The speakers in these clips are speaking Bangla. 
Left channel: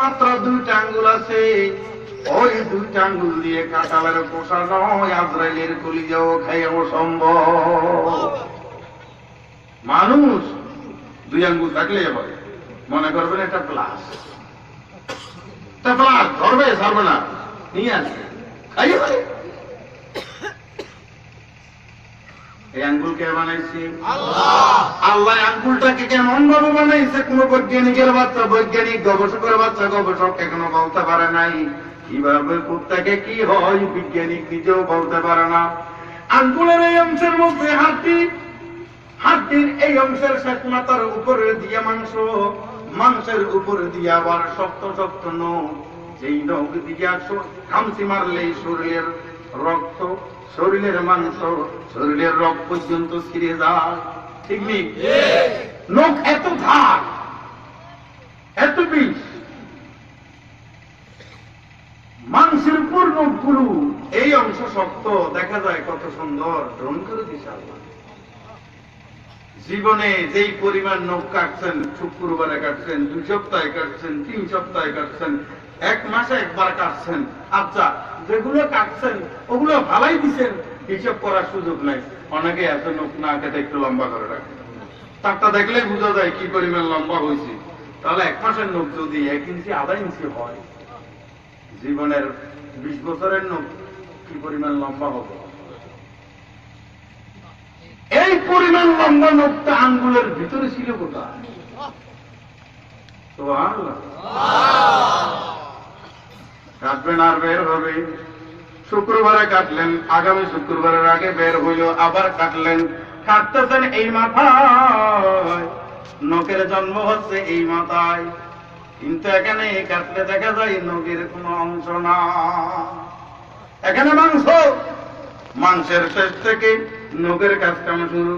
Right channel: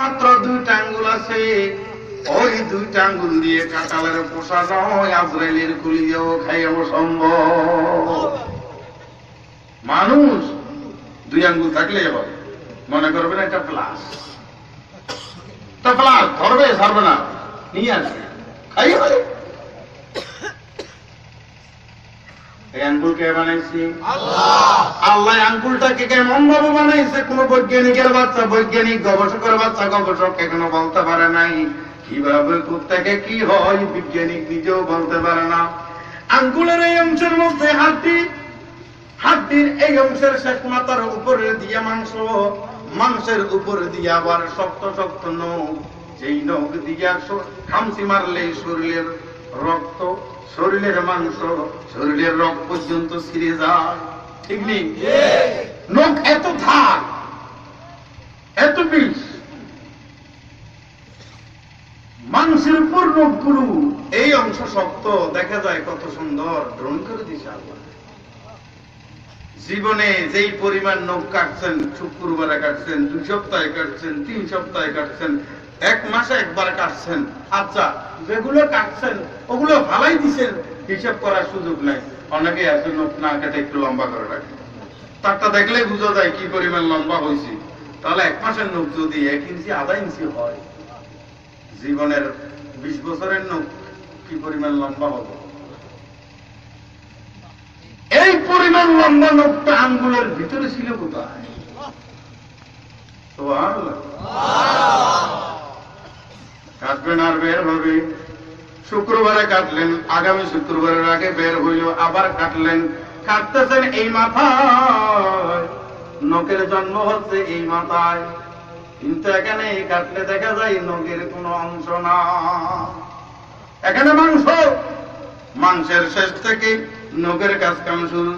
মাত্র দুইটা আঙ্গুল আছে, ওই দুইটা আঙ্গুল দিয়ে কাঁঠালের পোষা নয়, আজরাইলের কলিজাও খাইয়াও সম্ভব। মানুষ দুই আঙ্গুল থাকলে হবে, মনে করবেন এটা প্লাস, ধরবে ছাড়বে না, নিয়ে আসবে খাইয়ে পারে। এই আঙ্গুল কে বানাইছে? আল্লাহ। আঙ্গুলটাকে কেমন ভাবে বানাইছে কোন বৈজ্ঞানিকের বাচ্চা, বৈজ্ঞানিক গবেষকের বাচ্চা গবেষক এখনো বলতে পারে নাই। কিভাবে কোত্থেকে কি হয় বিজ্ঞানিক নিজেও বলতে পারে না। আঙ্গুলের এই অংশের মধ্যে হাড্ডি, হাড্ডির এই অংশের শেষ মাথার উপরে দিয়া মাংস, মাংসের উপরে দিয়া আবার শক্ত শক্ত নখ, যেই নখ দিয়া খামচি মারলেই শরীরের রক্ত, শরীরের মাংস, শরীরের রক্ত পর্যন্ত ছিঁড়ে যায়। ঠিক নেই? নখ এত ধার, এত বিষ, মাংসের উপর নখগুলো, এই অংশ শক্ত, দেখা যায় কত সুন্দর ড্রোন করে দিছে আল্লাহ। জীবনে যেই পরিমাণ নখ কাটছেন, শুক্রবারে কাটছেন, 2 সপ্তাহে কাটছেন, 3 সপ্তাহে কাটছেন, 1 মাসে একবার কাটছেন, আচ্ছা যেগুলো কাটছেন ওগুলো ভালাই দিচ্ছেন, হিসাব করার সুযোগ নাই। অনেকে এত নখ না কেটে একটু লম্বা করে রাখে, তারটা দেখলে বোঝা যায় কি পরিমাণ লম্বা হয়েছে। তাহলে 1 মাসের নখ যদি 1 ইঞ্চি আধা ইঞ্চি হয়, জীবনের 20 বছরের নখ কি পরিমাণ লম্বা হবে? এই পরিমাণ লম্বা নখটা আঙ্গুলের ভিতরে ছিল কোথায়? কাটবেন আর বের হবে। শুক্রবারে কাটলেন, আগামী শুক্রবারের আগে বের হইল, আবার কাটলেন, কাটতেছেন এই মাথায়, নখের জন্ম হচ্ছে এই মাথায়, কিন্তু এখানে কাটলে দেখা যায় নখের কোন অংশ না, এখানে মাংস, মাংসের শেষ থেকে নখের কাজ কাম শুরু,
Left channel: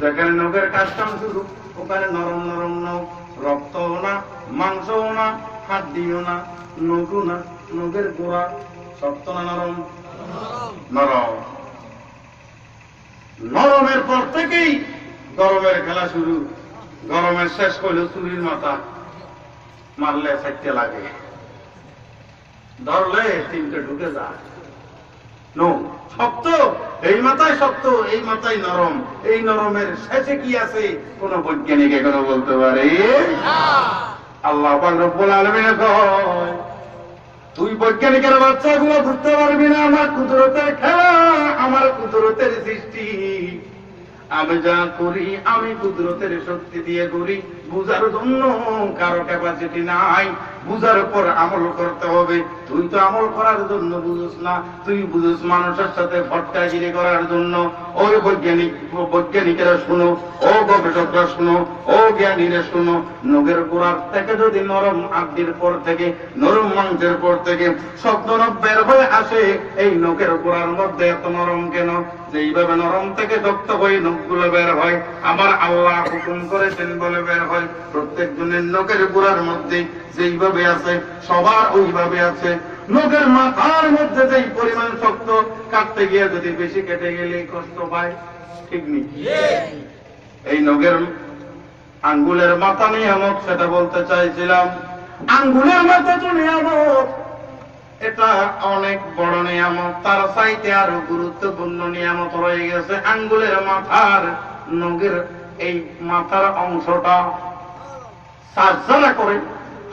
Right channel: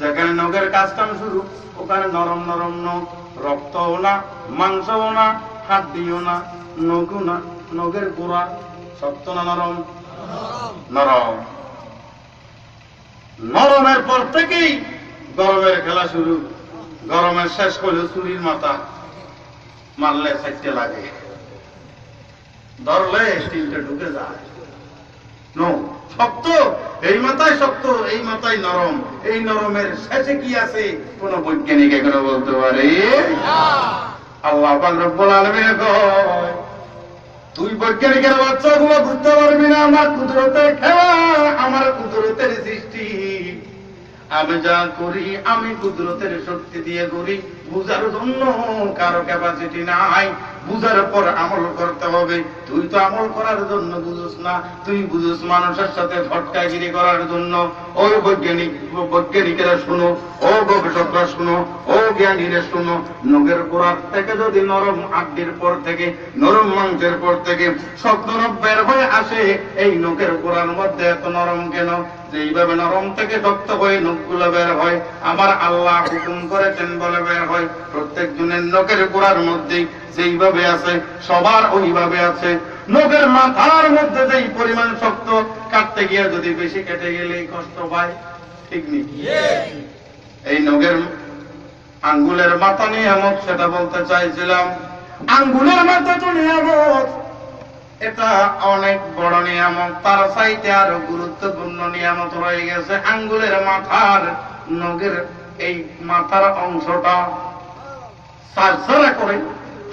যেখানে নখের কাজ কাম শুরু ওখানে নরম নরম নখ, রক্তও না, মাংসও না, হাড্ডিও না, নখও না, নখের গোড়া শক্ত না নরম? নরম। নরমের পর থেকেই গরমের খেলা শুরু, গরমের শেষ হলেও চুরির মাথা মারলে 4টে লাগে, ধরলে 3টে ঢুকে যায়। শক্ত, এই মাথায় শক্ত, এই মাথায় নরম, এই নরমের শেষে কি আছে কোন বৈজ্ঞানিক এখনো বলতে পারে? আল্লাহ পাক রব্বুল আলামিন কয়, তুই বৈজ্ঞানিকের বাচ্চাগুলো বুঝতে পারবি না আমার কুদরতের খেলা, আমার কুদরতের সৃষ্টি, আমি যা করি আমি কুদরতের শক্তি দিয়ে করি, বুঝার জন্য কারো ক্যাপাসিটি নাই, বুঝার পর আমল করতে হবে। তুই তো আমল করার জন্য বুঝুস না, তুই বুঝুস মানুষের সাথে ভটকাগিরি করার জন্য। ওই বৈজ্ঞানিকেরা শুনো, ও গবেষকরা শুনো, ও জ্ঞানীরা শুনো, নখের গোড়ার থেকে যদি নরম হাড্ডির পর থেকে, নরম মাংসের পর থেকে শক্ত নখ বের হয়ে আসে, এই নখের গোড়ার মধ্যে এত নরম কেন? যেইভাবে নরম থেকে শক্ত হয়ে নখগুলো বের হয়, আমার আল্লাহ হুকুম করেছেন বলে বের হয়। প্রত্যেক জনের নখের গোড়ার মধ্যে যেইভাবে আছে সবার ওইভাবে আছে। নখের মাথার মধ্যে যেই পরিমাণ শক্ত, কাটতে গিয়ে যদি বেশি কেটে গেলে কষ্ট পায়, ঠিক নেই? এই নখের আঙ্গুলের মাথা নিয়ামত, সেটা বলতে চাইছিলাম। আঙ্গুলের মাথা তো নিয়ামত, এটা অনেক বড় নিয়ামত, তার চাইতে আরো গুরুত্বপূর্ণ নিয়ামত রয়ে গেছে আঙ্গুলের মাথার, নখের এই মাথার অংশটা চাষ যারা করে,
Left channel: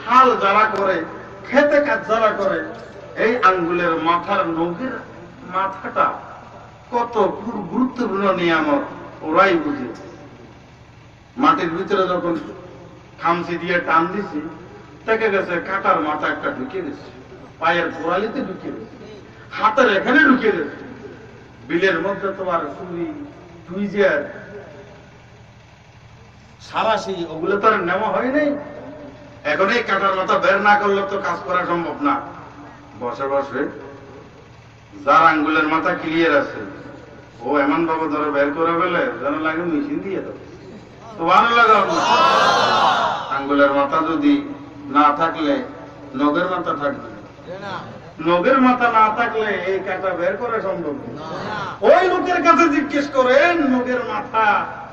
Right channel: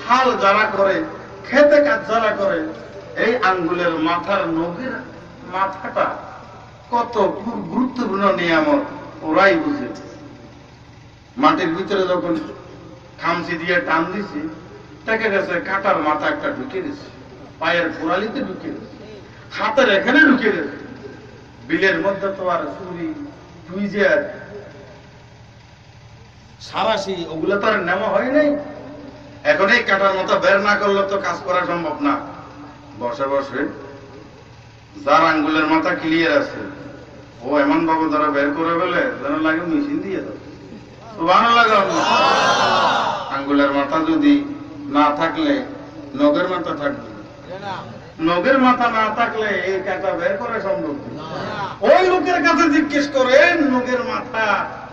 হাল যারা করে, খেতে কাজ যারা করে, এই আঙ্গুলের মাথার নখের মাথাটা কত গুরুত্বপূর্ণ নিয়ামত ওরাই বুঝে। মাটির ভিতরে যখন খামচি দিয়ে টান দিছি, দেখে গেছে কাটার মাথা একটা ঢুকে গেছে, পায়ের গোড়ালিতে ঢুকে গেছে, হাতের এখানে ঢুকে গেছে। বিলের মধ্যে তো আর চুরি, টুইজার, সারাশি ওগুলো তো আর নেওয়া হয় নাই। এখন এই কাটার মাথা বের না করলে তো কাজ করা সম্ভব না। বসে বসে যার আঙ্গুলের মাথা ক্লিয়ার আছে, ও এমন ভাবে ধরে বের করে ফেলে যেন লাগে মেশিন দিয়ে দাও, তো ভালো লাগে। আঙ্গুলের মাথা যদি না থাকলে নখের মাথা থাকবে, নখের মাথা না থাকলে এই কাটা বের করা সম্ভব না। ওই লোকের কাছে জিজ্ঞেস করেন নখের মাথা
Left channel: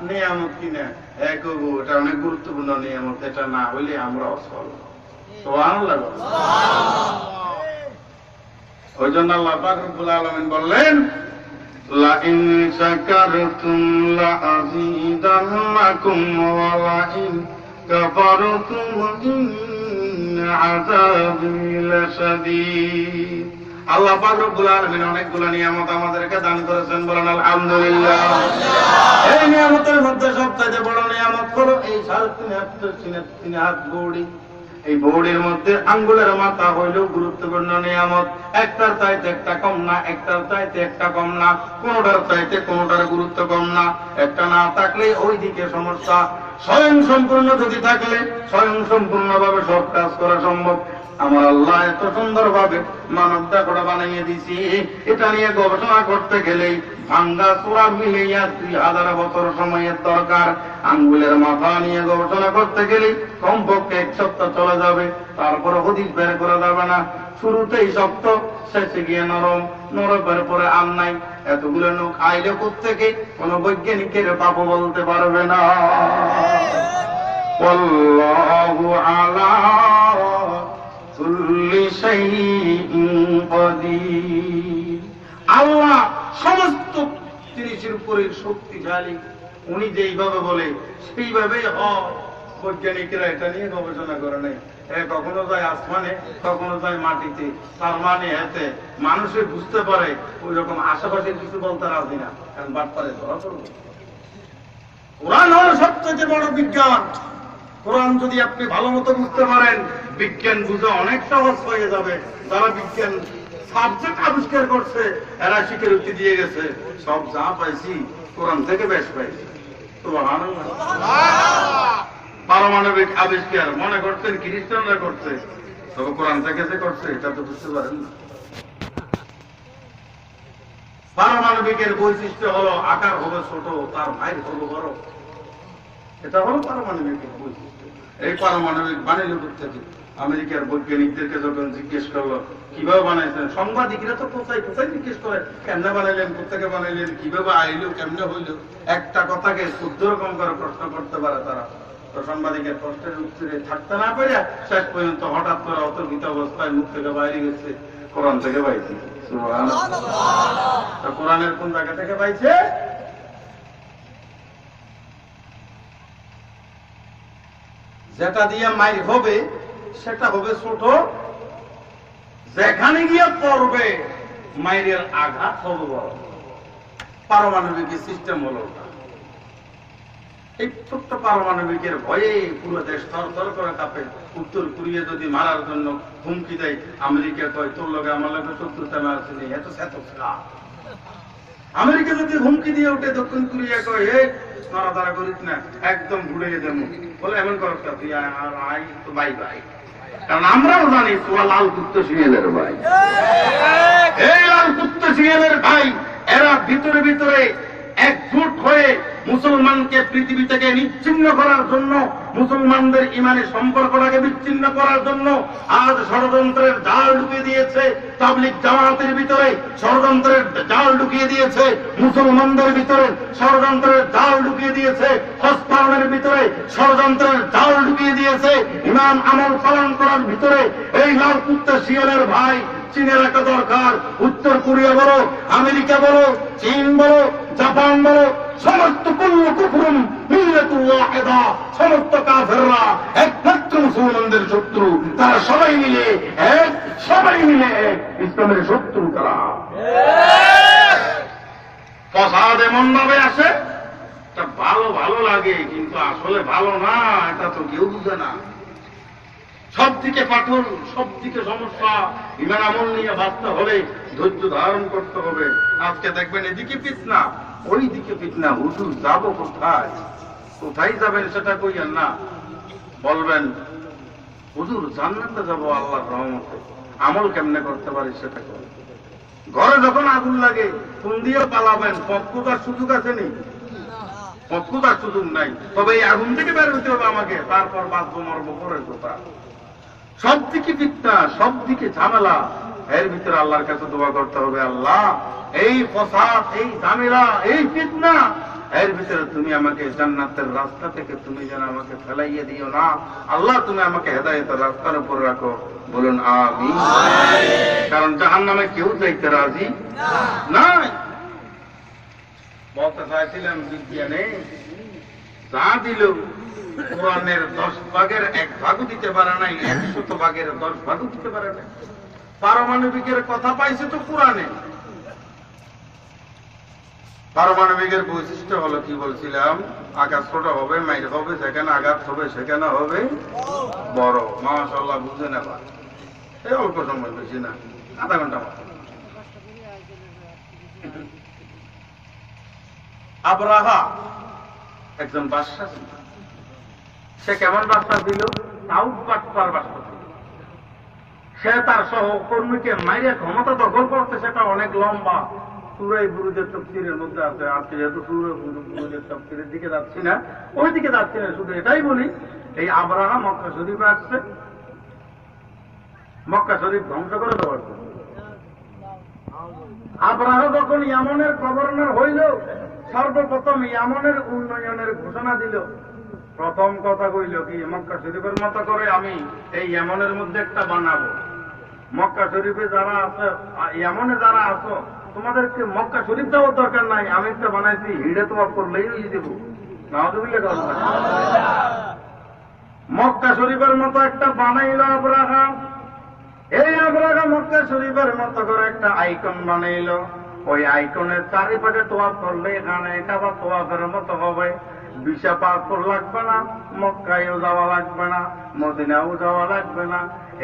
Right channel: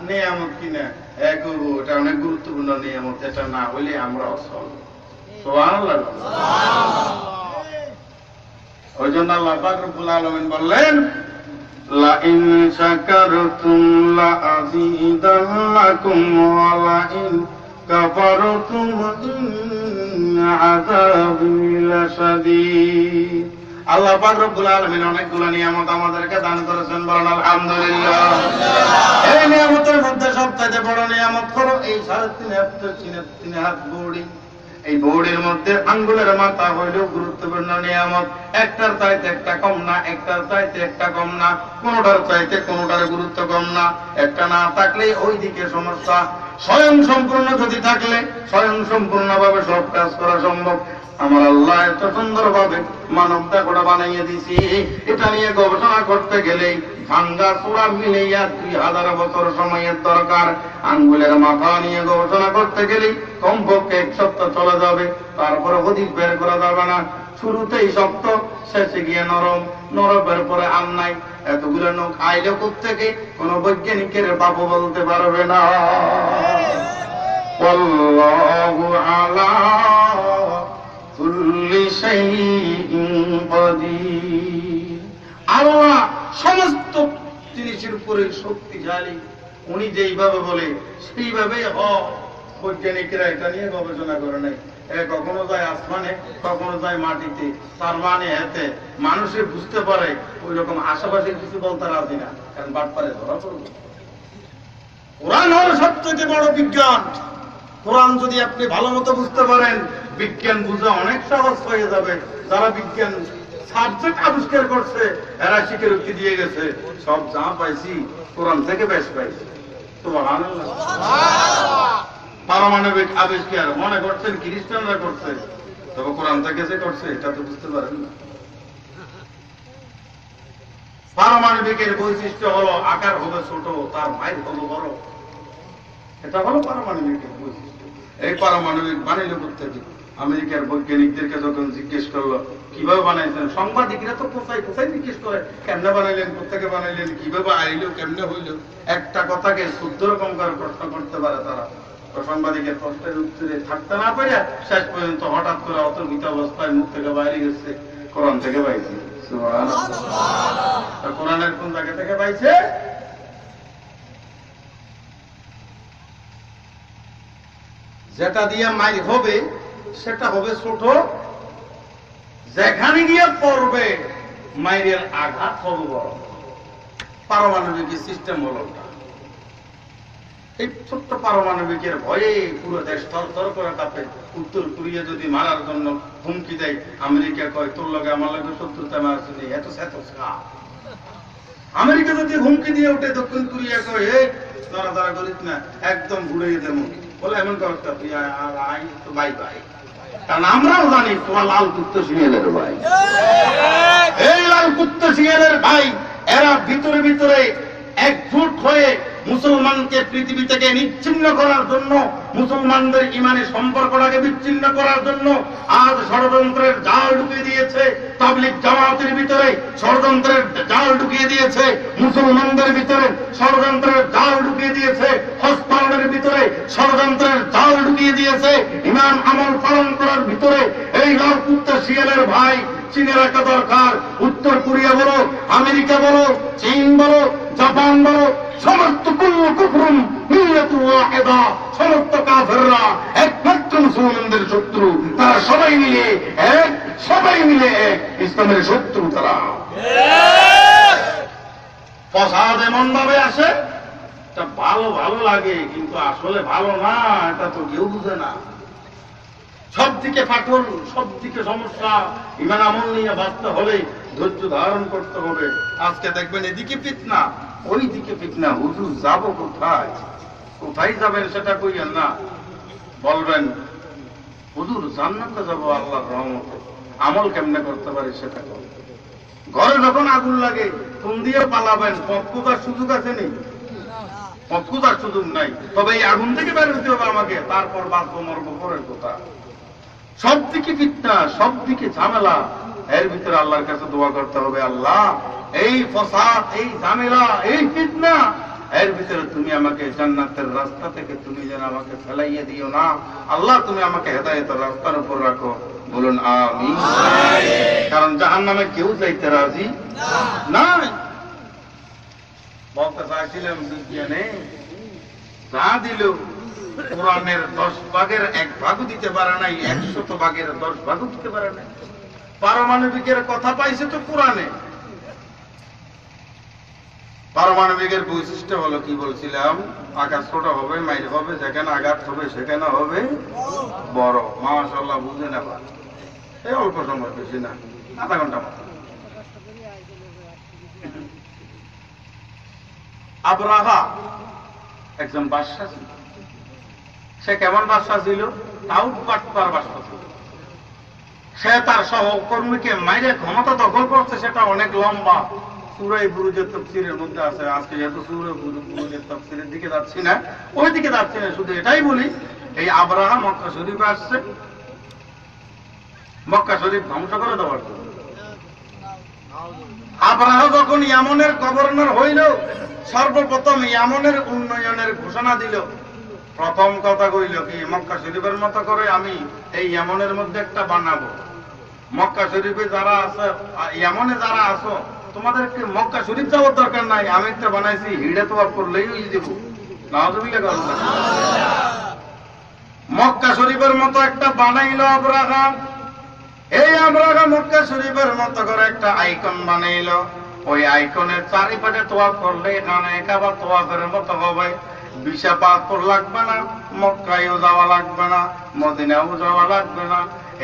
নিয়ামত কিনা, এটা অনেক গুরুত্বপূর্ণ নিয়ামত, এটা না হইলে আমরা অসল। সুবহানাল্লাহ। ওই জন্য আল্লাহ পাক রব্বুল আলামিন বললেন, লা ইন শাকারতুম লা আযীদান্নাকুম ওয়া লা ইন কাফারতুম ইন্না আযাবি লাশাদীদ। আল্লাহ পাক রব্বুল আলামিন অনেকগুলো নিয়ামত আমাদেরকে দান করেছেন, বলেন আলহামদুলিল্লাহ। এই নিয়ামতের মধ্যে সবচেয়ে বড় নিয়ামত হলো এই 3.5 হাত বডি। এই বডির মধ্যে আঙ্গুলের মাথা হইল গুরুত্বপূর্ণ নিয়ামত। একটার চাইতে একটা কম না, একটার চাইতে একটা কম না, কোনোটার চাইতে কোনোটার গুরুত্ব কম না। একটা না থাকলে ওই দিকে সমস্যা। স্বয়ং সম্পূর্ণ যদি থাকলে স্বয়ং সম্পূর্ণভাবে সব কাজ করা সম্ভব। আমার আল্লাহ এত সুন্দরভাবে মানবটা গোটা বানাইয়ে দিছি, এটা নিয়ে গবেষণা করতে গেলে ভাঙ্গা চূড়া মিলাইয়া 2000 বছর সময়ের দরকার। আঙ্গুলের মাথা নিয়ে গবেষণা করতে গেলে কমপক্ষে 1 সপ্তাহ চলে যাবে, তারপরে হদিস বের করা যাবে না। শুরুতেই শক্ত, শেষে গিয়ে নরম, নরমের পরে আর নাই। এতগুলো নখ আইলে কোত্থেকে কোন বৈজ্ঞানিকের বাপ বলতে পারবে না। আল্লাহু আলা কুল্লি শাইইন কাদির। আল্লাহ সমস্ত জিনিসের উপরে শক্তিশালী। উনি যেইভাবে বলে সেইভাবেই হয়। বৈজ্ঞানিকরা এটা নিয়ে গবেষণা করে নাই। কখনো যায় আসমানে, কখনো যায় মাটিতে। তার মানে এতে মানুষে বুঝতে পারে, ওই রকম আশেপাশে কিছু বলতে রাজি না, কারণ বাটপারে ধরা পড়বে। কোরআন হল সবচেয়ে বড় বিজ্ঞান। কোরআন যদি আপনি ভালো মতো বুঝতে পারেন, বিজ্ঞান বুঝা অনেক সহজ হয়ে যাবে। যারা বিজ্ঞান সাবজেক্ট আবিষ্কার করছে এরা স্বীকারোক্তি দিয়ে গেছে, সব যা পাইছি কোরআন থেকে বেশ পাইছি। সুবহানাল্লাহ। পারমাণবিক আবিষ্কার মনে করছেন খ্রিস্টানরা করছে, তবে কোরআন থেকে যে করছে এটা তো বুঝতে পারেন না। পারমাণবিকের বৈশিষ্ট্য হলো আকার হবে ছোট, তার মাইল হলো বড়। এটা হলো পারমাণবিকের বৈশিষ্ট্য। এই পারমাণবিক বানাইল থেকে আমেরিকার বৈজ্ঞানিকদেরকে যখন জিজ্ঞেস করলো কিভাবে বানাইছেন, সাংবাদিকরা তো কোথায় কোথায় জিজ্ঞেস করে কেমনে বানাইলেন, কোথেকে বানাইলেন, কিভাবে আইলো, কেমনে হইল। একটা কথাকে 14 রকম করে প্রশ্ন করতে পারে তারা। তো সাংবাদিকের প্রশ্নের উত্তরে থাকতে না পারে শেষ পর্যন্ত হঠাৎ করে অতর্কিত অবস্থায় মুখ থেকে বাইরে গেছে, কোরআন থেকে পাইছি। কোরআনের কোন জায়গা থেকে পাইছে? যেটা দিয়ে মাইর হবে সেটা হবে ছোট, যেখানে গিয়ে পড়বে মাইরের আঘাত হবে বড়। পারমাণবিক সিস্টেম হলো ওটা। এই ছোট্ট পারমাণবিকের ভয়ে পুরো দেশ থরথর করে কাঁপে। উত্তর কোরিয়া যদি মারার জন্য হুমকি দেয়, আমেরিকা কয় তোর লগে আমার লগে শত্রুতা মারছিলি, এত সেতসা। আমেরিকা যদি হুমকি দিয়ে ওঠে, দক্ষিণ কোরিয়া কয় হে নড়াচড়া করিস না, একদম ভুলিয়ে দেব। বলে এমন করতে বাই বাই। কারণ আমরাও জানি তোরা লাল কুত্তা শিয়ালের ভাই। এই লাল কুত্তা শিয়ালের ভাই এরা ভিতরে ভিতরে একজোট হয়ে মুসলমানকে পৃথিবী থেকে নিচ্ছিন্ন করার জন্য, মুসলমানদের ইমানি সম্পর্কটাকে বিচ্ছিন্ন করার জন্য আজ ষড়যন্ত্রের জাল ঢুকিয়ে দিয়েছে। তাবলীগ জামাতের ভিতরে ষড়যন্ত্রের জাল ঢুকিয়ে দিয়েছে, মুসলমানদের ভিতরে ষড়যন্ত্রের জাল ঢুকিয়ে দিয়েছে, হজ পালনের ভিতরে ষড়যন্ত্রের জাল ঢুকিয়ে দিয়েছে, ইমাম আমল পালন করার ভিতরে এই লাল কুত্তা শিয়ালের ভাই। চীনের একটা দরকার, উত্তর কোরিয়া বলো, আমেরিকা বলো, চীন বলো, জাপান বলো, সমস্ত কুল্লু কুফরুন মিল্লাতু ওয়াহিদা, সমস্ত কাফেররা একমাত্র মুসলমানদের শত্রু। তারা সবাই মিলে এক, সবাই মিলে এক, ইসলামের শত্রু তারা। ফসাদ এমন ভাবে আসে, এটা ভালো ভালো লাগে কিন্তু আসলে ভালো না, এটা তো কেউ বুঝে না। সব দিকে ফাটল, সব দিকে সমস্যা। ইমান আমল নিয়ে বাঁচতে হলে ধৈর্য ধারণ করতে হবে। আজকে দেখবেন এদিকে ফিতনা, ওই দিকে ফিতনা। হুজুর যাবো কোথায়? কোথায় যাবেন সেটা কইয়েন না, বলবেন হুজুর জান্নাতে যাবো আল্লাহর রহমতে। আমল কেমনে করতে পারি সেটা করেন। ঘরে যখন আগুন লাগে কোন দিয়ে পালাবেন? পথ খোঁজার সুযোগ আছে নি? পথ খোঁজার সুযোগ নাই। তবে এই আগুন থেকে বের হতে হবে আমাকে, তারপর বাঁচবো মরবো পরের কথা। সব দিকে ফিতনা, সব দিকে ঝামেলা। এর ভিতরে আল্লাহর কাছে দোয়া করতে হবে, আল্লাহ এই ফসাদ, এই ঝামেলা, এই ফিতনা এর ভিতরে তুমি আমাকে জান্নাতের রাস্তা থেকে তুমি যেন আমাকে ফেলাইয়ে দিও না। আল্লাহ তুমি আমাকে হেদায়েতের রাস্তার উপর রাখো। বলুন আমিন। কারণ জাহান্নামে কেউ যাইতে রাজি না। বলতে চাইছিলাম বিজ্ঞানে যা দিল কোরআনের 10 ভাগের 1 ভাগও দিতে পারে নাই, 100 ভাগের 10 ভাগও দিতে পারে নাই। পারমাণবিকের কথা পাইছে তো কোরআনে। পারমাণবিকের বৈশিষ্ট্য হলো কি বলছিলাম, আকাশ ছোট হবে, মাইর হবে, যেখানে আঘাত হবে সেখানে হবে বড়। মাশাআল্লাহ বুঝে নেবা, এই অল্প সময়, বেশি না, আধা ঘন্টা মতো। আবরাহা একজন বাদশা ছিল। সে কেমন বাদশা ছিল? তাউট বাটপার বাদশা ছিল। সে তার সহকর্মীকে মাইরে ক্ষমতা দখল করছে, সেটা অনেক লম্বা। সূরা বুরুজের তাফসীরের মধ্যে আছে। আজকে যেহেতু সূরা বুরুজের তাফসীরের দিকে যাচ্ছি না, ওই দিকে যাচ্ছি না, শুধু এটাই বলি, এই আবরাহা মক্কা শরীফে আসছে, মক্কা শরীফ ধ্বংস করে দেওয়ার জন্য। আবরাহা যখন ইয়ামনের গভর্নর হইল, সর্বপ্রথম ইয়ামনের উন্নয়নের ঘোষণা দিল। প্রথম কথা কইল কি, মক্কা শরীফের মতো করে আমি এই ইয়ামনের মধ্যে একটা বানাবো। মক্কা শরীফে যারা আছে, ইয়ামনে যারা আছো, তোমাদেরকে মক্কা শরীফ যাওয়ার দরকার নাই, আমি একটা বানাইছি, হিড়ে তো করলেই দেব। নাউযুবিল্লাহ। মক্কা শরীফের মতো একটা বানাইল আবরাহা। এই আবরাহা মক্কা শরীফের মতো করে একটা আইকন বানাইল। ওই আইকনের চারিপাশে তোয়াফ করলে এখানে কাবা তোয়াফের মতো হবে। ভিসা পাসপোর্ট লাগবে না, মক্কায়ও যাওয়া লাগবে না, মদিনাও যাওয়া লাগবে না।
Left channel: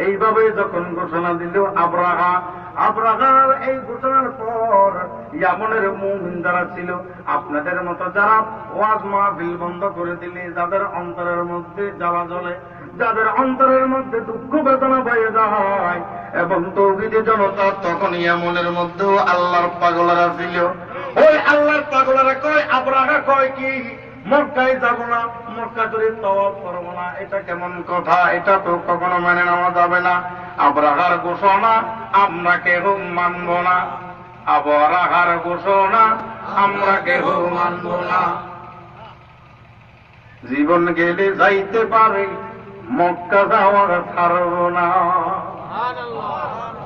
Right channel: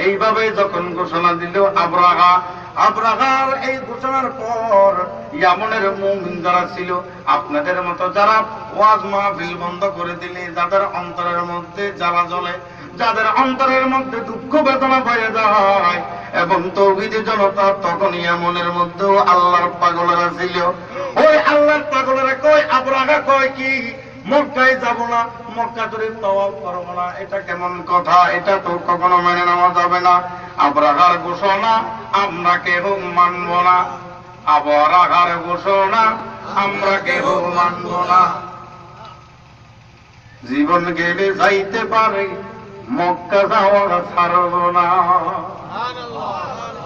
এইভাবে যখন ঘোষণা দিল আবরাহা, আবরাহার এই ঘোষণার পর ইয়ামনের মুমিন যারা ছিল, আপনাদের মতো যারা ওয়াজ মাহফিল বন্ধ করে দিলে, যাদের অন্তরের মধ্যে জ্বালা জ্বলে, যাদের অন্তরের মধ্যে দুঃখ বেদনা বয়ে যায়, এবং তৌহিদি জনতা, তখন ইয়ামনের মধ্যেও আল্লাহর পাগলেরা ছিল। ওই আল্লাহর পাগলেরা কয়, আবরাহা কয় কি, মক্কায় যাব না, মক্কা শরীফ তাওয়াফ করব না। এটা কেমন কথা? এটা তো কখনো মেনে নেওয়া যাবে না। আবরাহার ঘোষণা আমরা কেউ মানব না। আবরাহার ঘোষণা আমরা কেউ মানব না। জীবন গেলে যাইতে পারে, মক্কা যাওয়ার ছাড়ব না।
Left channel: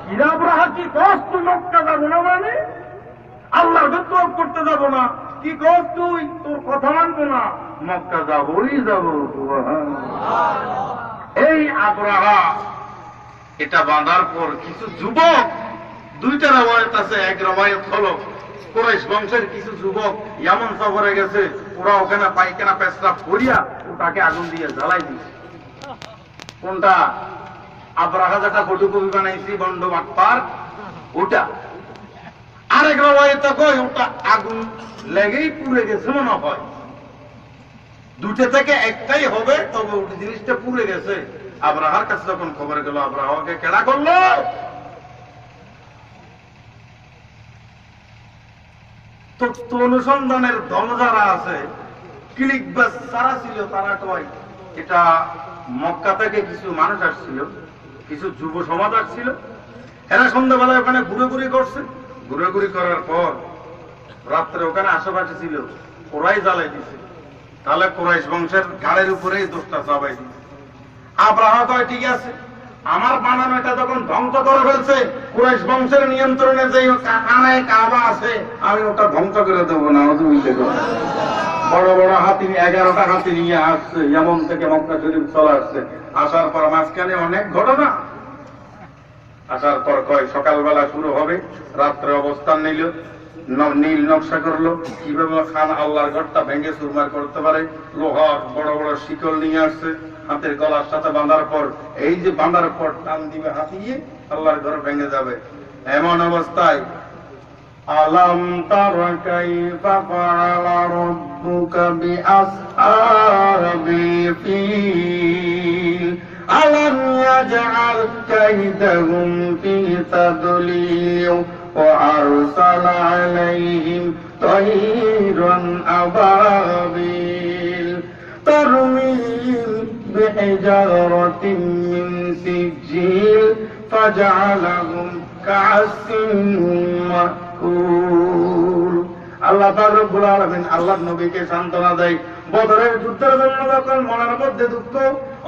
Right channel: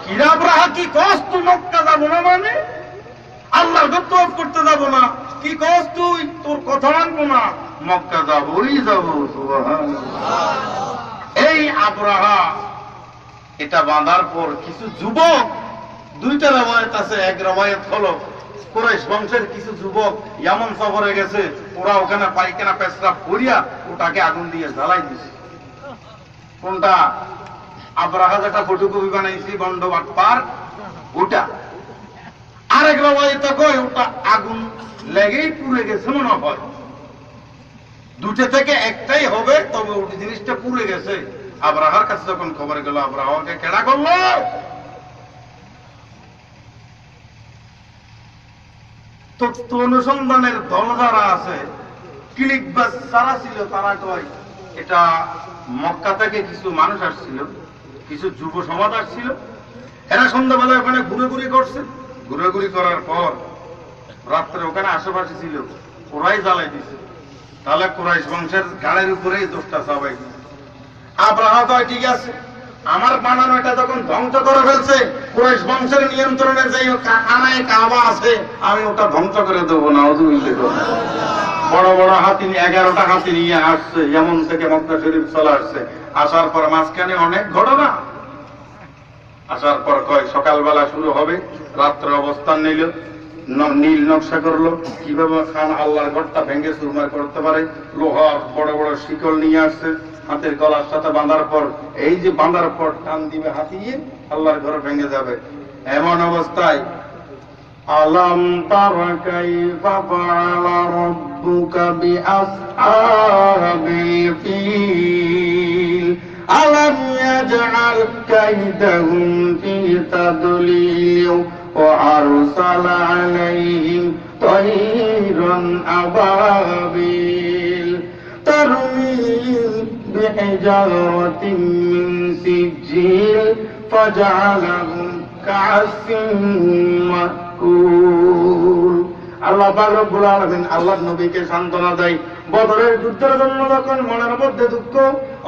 কিরা আবরাহা, কি কস তুই মক্কা যাব না? মানে আল্লাহর তওয়াফ করতে যাব না? কি কস তুই? তোর কথা মানব না, মক্কা যাবই যাব। সুবহানাল্লাহ। এই আবরাহা এটা বাঁধার পর কিছু যুবক, দুইটা রওয়ায়াত আছে। এক রওয়ায়াত হলো কুরাইশ বংশের কিছু যুবক ইয়ামান সফরে গেছে, ওরা ওখানে পায়খানা পেশাব করিয়া ওটাকে আগুন দিয়ে জ্বালাই দিছে। কোনটা? আবরাহা যেটা ফটোকপি বানাইছি বন্ড বাটপার, ওটা। আরেক রওয়ায়াতে কয় ওটা আগুন লেগেই পুড়ে গেছে মনে হয়। দুটো থেকে একটাই হবে, তবে ওই জিনিসটা পুড়ে গেছে। আবরাহার কাছে যখন খবর গেল, আবরাহাকে কেডা করলো? তথ্য অনুসন্ধানের দল যারা আছে, ক্লিকবাজ যারা ছিল, তারা কয় এটা মক্কা থেকে কিছু মানুষ আসছিল, কিছু যুব সমাজ আসছিল। এরা সন্ধ্যাবেলায় ওখানে ঘুরে করছে। ঘুরে করার পর রাত্রে ওখানে আশেপাশে ছিল, ওরাই জ্বালাই দিছে। তাহলে কুরাইশ বংশের গাড়ির উপরেই দোষটা চাপাই দিছে। আবরাহা কয় ঠিক আছে, আমার বানানো এটা যখন ধ্বংস করে ফেলছে, কুরাইশ বংশের নিয়ন্ত্রণের যে কানায় কাবা আছে, আমি ওটা ধ্বংস করে দেবো না। বড় বড় হাতি, 11টা হাতি নিয়ে আসছে, যেমন থেকে মক্কা শরীফ চলে আসছে। আসার পর মাঝখানে অনেক ঘটনা। আসার পর কয় সকালবেলা শুরু হবে, রাত্রে অবস্থান নিল, নীল নকশা করলো, কিভাবে খান আল্লাহর ঘরটা ভেঙে চুরমার করতে পারে। লোহা বড় বড় শিকল নিয়ে আসছে, হাতের গলার সাথে বাঁধার পর, এই যে বাঁধার পর টান দিবে হাতিয়ে, আল্লাহর ঘর ভেঙে যাবে। এমন অবস্থায় আলাম তারা কাইফা ফাআলা রাব্বুকা বিআসহাবিল ফিল আলাম ইয়াজআল কাইদাহুম ফি তাদলিল ওয়া আরসালা আলাইহিম তায়রান আবাবিল তারমিহিম বিহিজারাতিন মিন সিজিল ফাজআলাহুম كعسف مأكول আল্লাহ পাক রব্বুল আলামিন আল্লাহর নবীকে সান্ত্বনা দেয়। বদরের যুদ্ধের জন্য যখন মনের মধ্যে দুঃখ,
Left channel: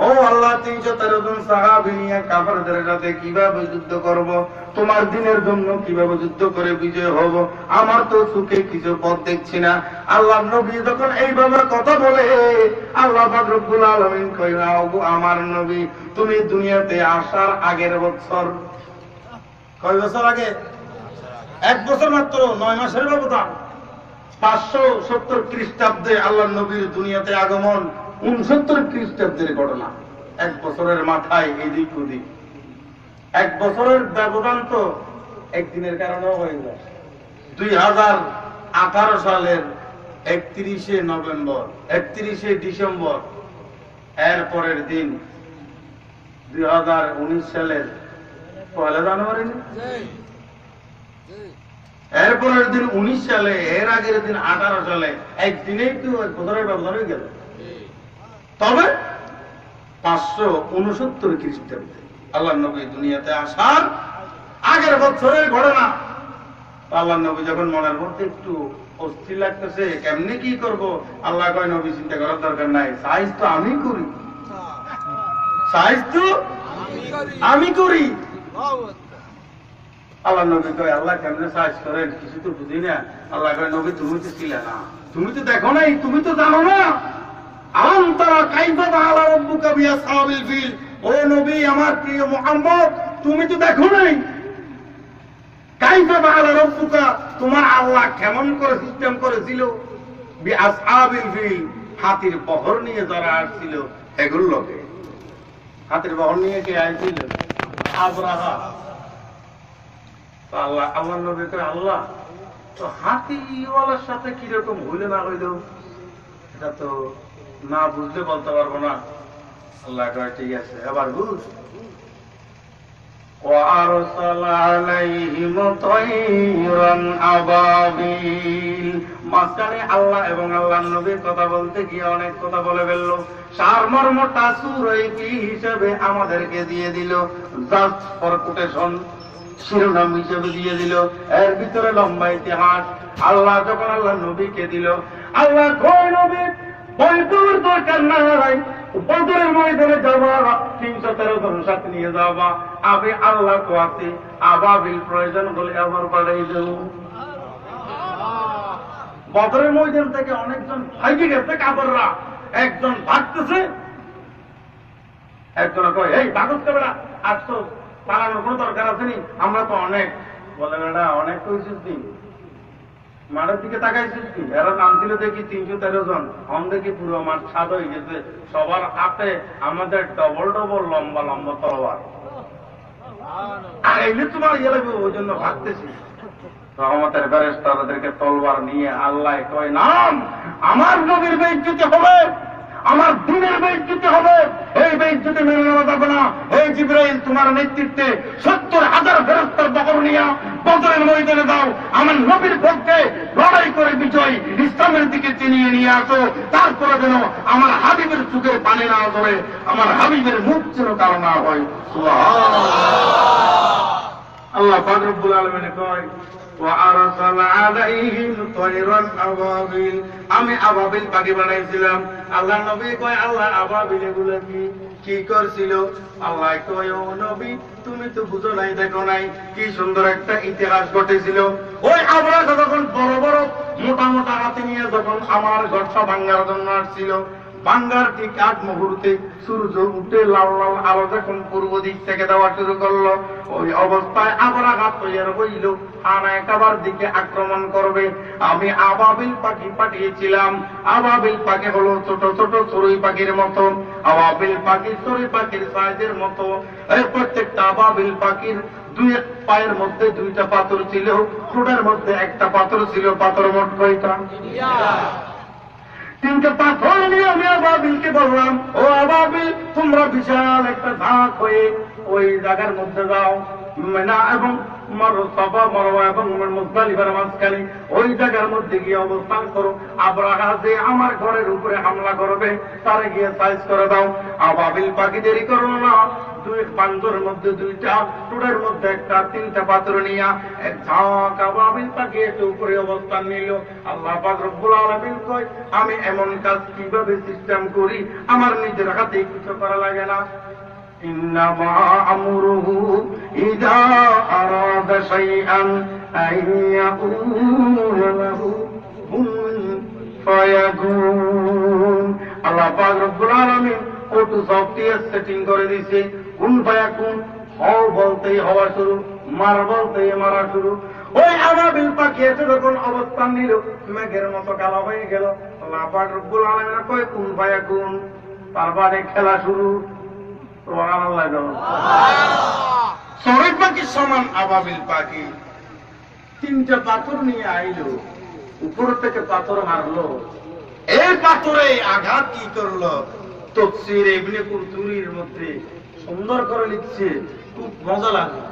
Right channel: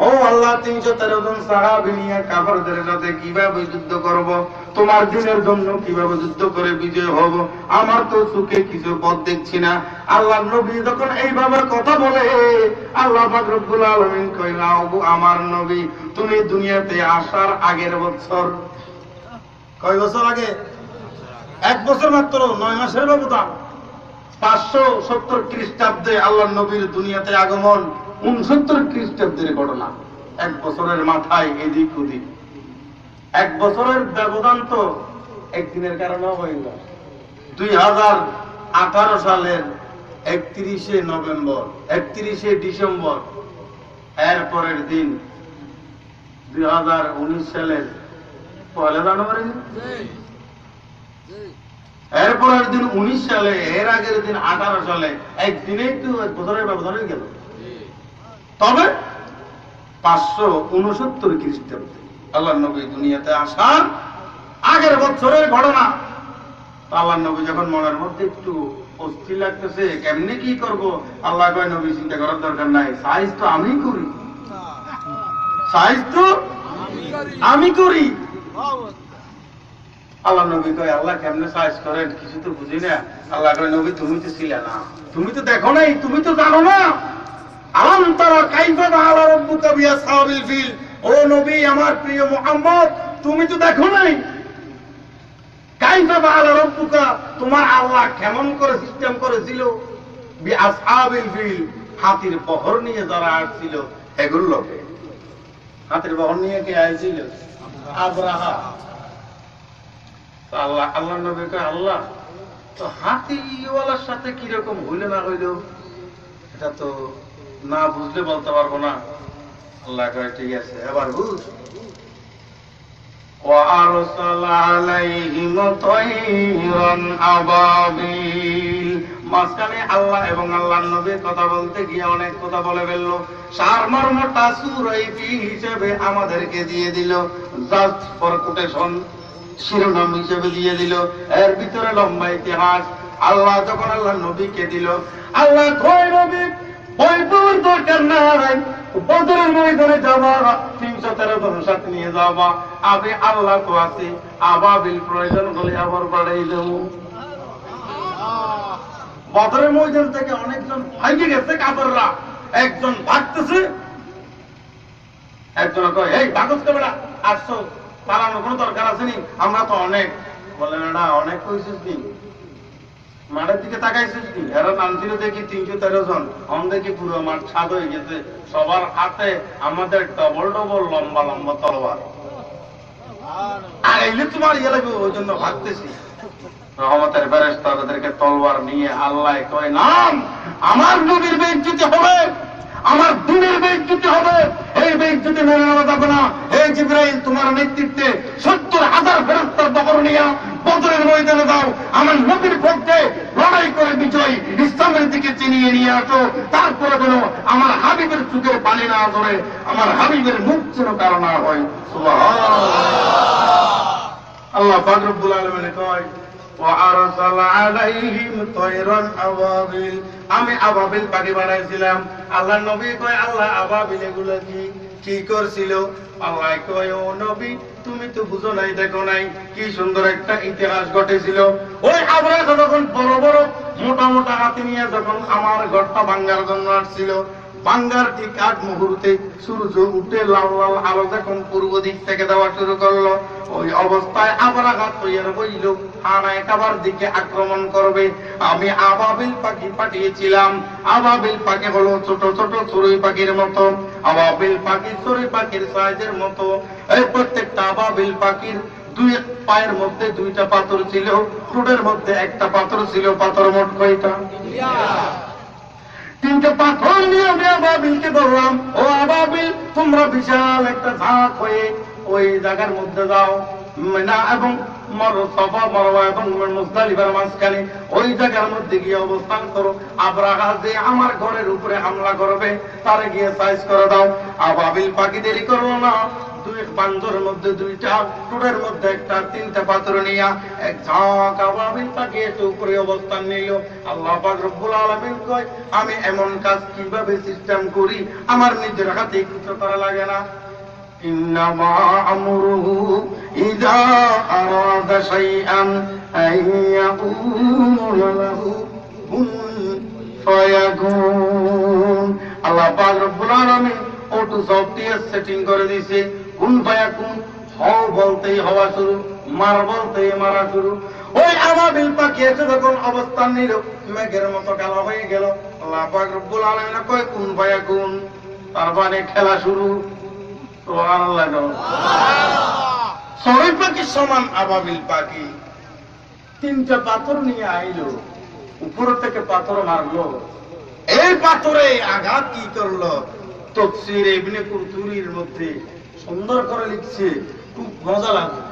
ও আল্লাহ 313 জন সাহাবী নিয়ে কাফেরদের সাথে কিভাবে যুদ্ধ করব, তোমার দ্বীনের জন্য কিভাবে যুদ্ধ করে বিজয় হব, আমার তো চোখে কিছু পথ দেখছি না। আল্লাহর নবী যখন এইভাবে কথা বলে, আল্লাহ পাক রব্বুল আলামিন কইলেন, ওগো আমার নবী, তুমি দুনিয়াতে আসার আগের বছর, কয় বছর আগে? 1 বছর মাত্র, 9 মাসের ব্যবধান। 570 খ্রিস্টাব্দে আল্লাহর নবীর দুনিয়াতে আগমন, 69 খ্রিস্টাব্দের ঘটনা। 1 বছরের মাথায় এদিক ওদিক। 1 বছরের ব্যবধান তো একদিনের কারণে হয়ে যায়। 2018 সালের 31শে নভেম্বর, 31শে ডিসেম্বর, এর পরের দিন 2019 সালের 1 জানুয়ারি, এরপরের দিন 19 সালে, এর আগের দিন 18 সালে, একদিনেই তো 1 বছরের ব্যবধান হয়ে গেল। তবে 569 খ্রিস্টাব্দে আল্লাহর নবী দুনিয়াতে আসার আগের বছরের ঘটনা। আল্লাহর নবী যখন মনের মধ্যে একটু অস্থির লাগতেছে, কেমনে কি করব, আল্লাহ কয়, নবী চিন্তা করার দরকার নাই, সাইজ তো আমি করি, সাইজ তো আমি করি। আল্লাহ নবী কয়, আল্লাহ কেমনে সাইজ করেন কিছু তো বুঝি না। আল্লাহ কয়, নবী তুমি তো ছিলে না, তুমি তো দেখো নাই, তুমি তো জানো না। আলাম তারা কাইফা ফাআলা রাব্বুকা বিআসহাবিল ফিল, ও নবী আমার প্রিয় মুহাম্মদ, তুমি তো দেখো নাই। কাইফা ফাআলা রাব্বুকা, তোমার আল্লাহ কেমন করে সিস্টেম করেছিল বিআসহাবিল ফিল, হাতির বহর নিয়ে যারা আসছিল এগুলো লোকে। হাতির বহর নিয়ে কে আইছিল? আবরাহা। আল্লাহ আল্লাহ নবী কয়, আল্লাহ তো হাতিওয়ালার সাথে কিরকম হইলে না হইল এটা তো না বুঝলে বলতে পারবো না। আল্লাহ কয়, ঠিক আছে, এবার বুঝ। وَأَرْسَلَ عَلَيْهِمْ طَيْرًا أَبَابِيلَ। মাঝখানে আল্লাহ এবং আল্লাহর নবী কথা বলতে গিয়ে অনেক কথা বলে ফেলল। সারমর্মটা সূরাইতি হিসেবে আমাদেরকে দিয়ে দিল, জাস্ট ফর কোটেশন, শিরোনাম হিসেবে দিয়ে দিল। এর ভিতরে লম্বা ইতিহাস। আল্লাহ যখন আল্লাহর নবীকে দিল, আল্লাহ কয়, নবী ভয় পাওয়ার দরকার নাই, বদরের ময়দানে যাবা, 313 জন সাথে নিয়ে যাবা, আমি আল্লাহ তো আছি, আবাবিল প্রয়োজন হলে আবার বাড়াই দেব। বদরের ময়দান থেকে অনেকজন ভাইগে গেছে কাফেররা, একজন ভাগতেছে, একজন কয়, এই ভাগস কে বেটা, আসছো, পালানোর কোনো দরকার আছে নি, আমরা তো অনেক। বলে, না অনেক কইছিস নি, মাঠের দিকে তাকাইছিস নি, এরা নাম ছিল দেখি 313 জন, অন দেখি পুরো মাঠ ছাদ হয়ে গেছে, সবার হাতে আমাদের ডবল ডবল লম্বা লম্বা তলোয়ার, আর এইলে তোমার ইয়ে লাগবে, ওই জন্য ভাবতেছি। রহমতের ফেরেশতা তাদেরকে তলোয়ার নিয়ে আল্লাহ কয়, নাম আমার নবীর বেইজ্জতি হবে, আমার দ্বীনের বেইজ্জতি হবে, এই বেইজ্জতি মেনে নেওয়া যাবে না। এই জিবরাইল তোমার নেতৃত্বে 70,000 ফেরেশতার বহর নিয়ে বদরের ময়দানে দাও, আমার নবীর পক্ষে লড়াই করে বিজয় ইসলামের দিকে চিনিয়ে নিয়ে আসো। তারপরে যেন আমার হাবিবের চোখের পানি না ধরে, আমার হাবিবের মুখ যেন কারো না হয়। সুবহানাল্লাহ। আল্লাহ পাক রব্বুল আলামিন কয়, وَأَرْسَلَ عَلَيْهِمْ طَيْرًا أَبَابِيلَ। আমি আবাবিল পাখি বানাইছিলাম। আল্লাহ নবী কয়, আল্লাহ আবাবিল এগুলো কি করছিল? আল্লাহ কয়, ও নবী তুমি তো বুঝো নাই, দেখো নাই, কি সুন্দর একটা ইতিহাস ঘটেছিল। ওই আবরাহা যখন বড় বড় মোটা মোটা হাতি নিয়ে যখন আমার ঘরটা ভাঙ্গার জন্য আসছিল, ভাঙ্গার ঠিক আগ মুহূর্তে সূর্য উঠে লাল লাল আলো যখন পূর্ব দিক থেকে দেওয়া শুরু করলো, ওই অবস্থায় আবরাহা তৈরি হইল আনায় কাবার দিকে আক্রমণ করবে। আমি আবাবিল পাখি পাঠিয়েছিলাম। আবাবিল পাখি হলো ছোট ছোট চড়ুই পাখির মতো, আবাবিল পাখি চড়ুই পাখির সাইজের মতো। এই প্রত্যেকটা আবাবিল পাখির 2 পায়ের মধ্যে 2টা পাথর ছিল, ঠোঁটের মধ্যে একটা পাথর ছিল। পাথর মোট কয়টা? 3টে পাথর নিয়ে আমি আবাবিলকে বললাম, ও আবাবিল তোমরা বিশাল একটা ঝাঁক হয়ে ওই জায়গার মধ্যে যাও, মিনা এবং সাফা মারওয়া এবং মুজদালিফার মাঝখানে ওই জায়গার মধ্যে গিয়ে অবস্থান করো। আবরাহা যে আমার ঘরের উপরে হামলা করবে তারে গিয়ে সাইজ করে দাও। আবাবিল পাখি দেরি করো না, দুই বান্দরের মধ্যে দুইটা, টুটের মধ্যে একটা, তিনটা পাথর নিয়া এক ঝাঁক আবাবিল পাখি এসে উপরে অবস্থান নিল। আল্লাহ পাক রব্বুল আলামিন কয়, আমি এমন কাজ কিভাবে সিস্টেম করি আমার নিজের হাতে কিছু করা লাগে না। ইন্নামা আমরুহু ইযা আরাদা শাইআন আইয়াকুলা লাহু কুন ফায়াকুন। আল্লাহ পাক রব্বুল আলামিন অটো সফটওয়্যার সেটিং করে দিয়েছে। কুন ফায়াকুন, হও বলতেই হওয়া শুরু, মার বলতেই মারা শুরু। ওই আবাবিল পাখি এসে যখন অবস্থান নিল, মেঘের মতো কালো হয়ে গেল। আল্লাহ পাক রব্বুল আলামিন কয় কুন ফায়াকুন, তারপরে খেলা শুরু। সুবহানাল্লাহ। চড়ুই পাখির সমান আবাবিল পাখি তিনটা পাথর নিয়ে আইলো, উপর থেকে পাথর মারলো। এই পাথরে আঘাত কি করলো, তাফসীর ইবনে কুরতুবির মধ্যে সুন্দর করে লিখছে, খুব মজা লাগে।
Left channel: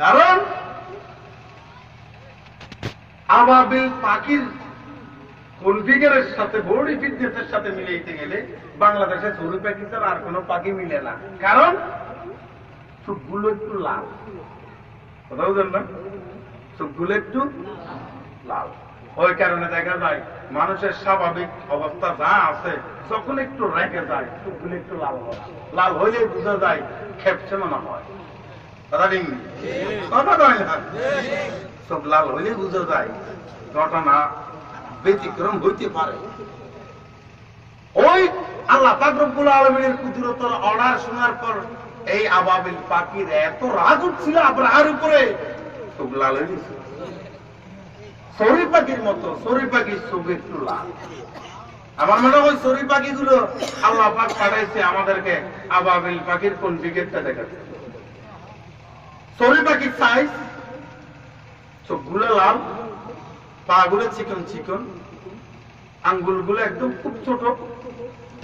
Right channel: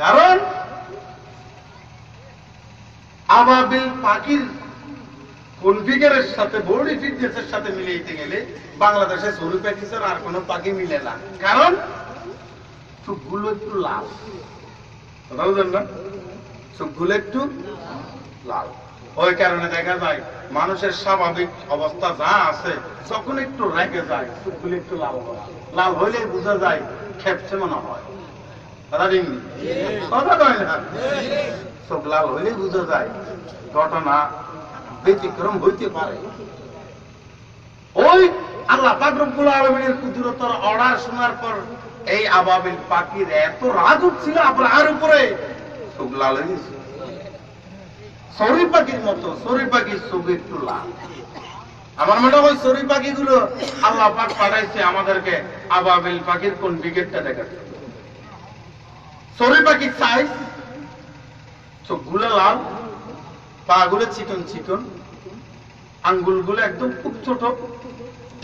কারণ আবাবিল পাখির কনফিগারের সাথে বডি ফিটনেসের সাথে মিলাইতে গেলে বাংলাদেশে চড়ুই পাখি ছাড়া আর কোনো পাখি মিলে না। কারণ চোখগুলো একটু লাল, কথা বুঝেন না, চোখগুলো একটু লাল। ওই কারণে দেখা যায় মানুষের স্বাভাবিক অবস্থা যা আছে, যখন একটু রেগে যায় চোখগুলো একটু লাল হয়। লাল হইলেই বোঝা যায় খেপছে মনে হয়। কথা ঠিক কথা কয় না, চোখ লাল হইলেই বোঝা যায় ঘটনা ব্যতিক্রম হইতে পারে। ওই আল্লাহ পাক রব্বুল আলামিনের কুদরতের অর্ডার শোনার পর এই আবাবিল পাখির এত রাগ উঠছিল আবরাহার উপরে, চোখ লাল হয়ে গেছে। চড়ুই পাখির মতো, চড়ুই পাখির চোখ একটু লাল। আমার মনে হয় চড়ুই পাখিগুলো আল্লাহ পাক পাঠাইছে আমাদেরকে আবাবিল পাখির কোন দিকেরটা দেখাচ্ছে। চড়ুই পাখির সাইজ, চোখগুলো লাল, পা গুলো চিকন চিকন, আঙ্গুলগুলো একদম খুব ছোট,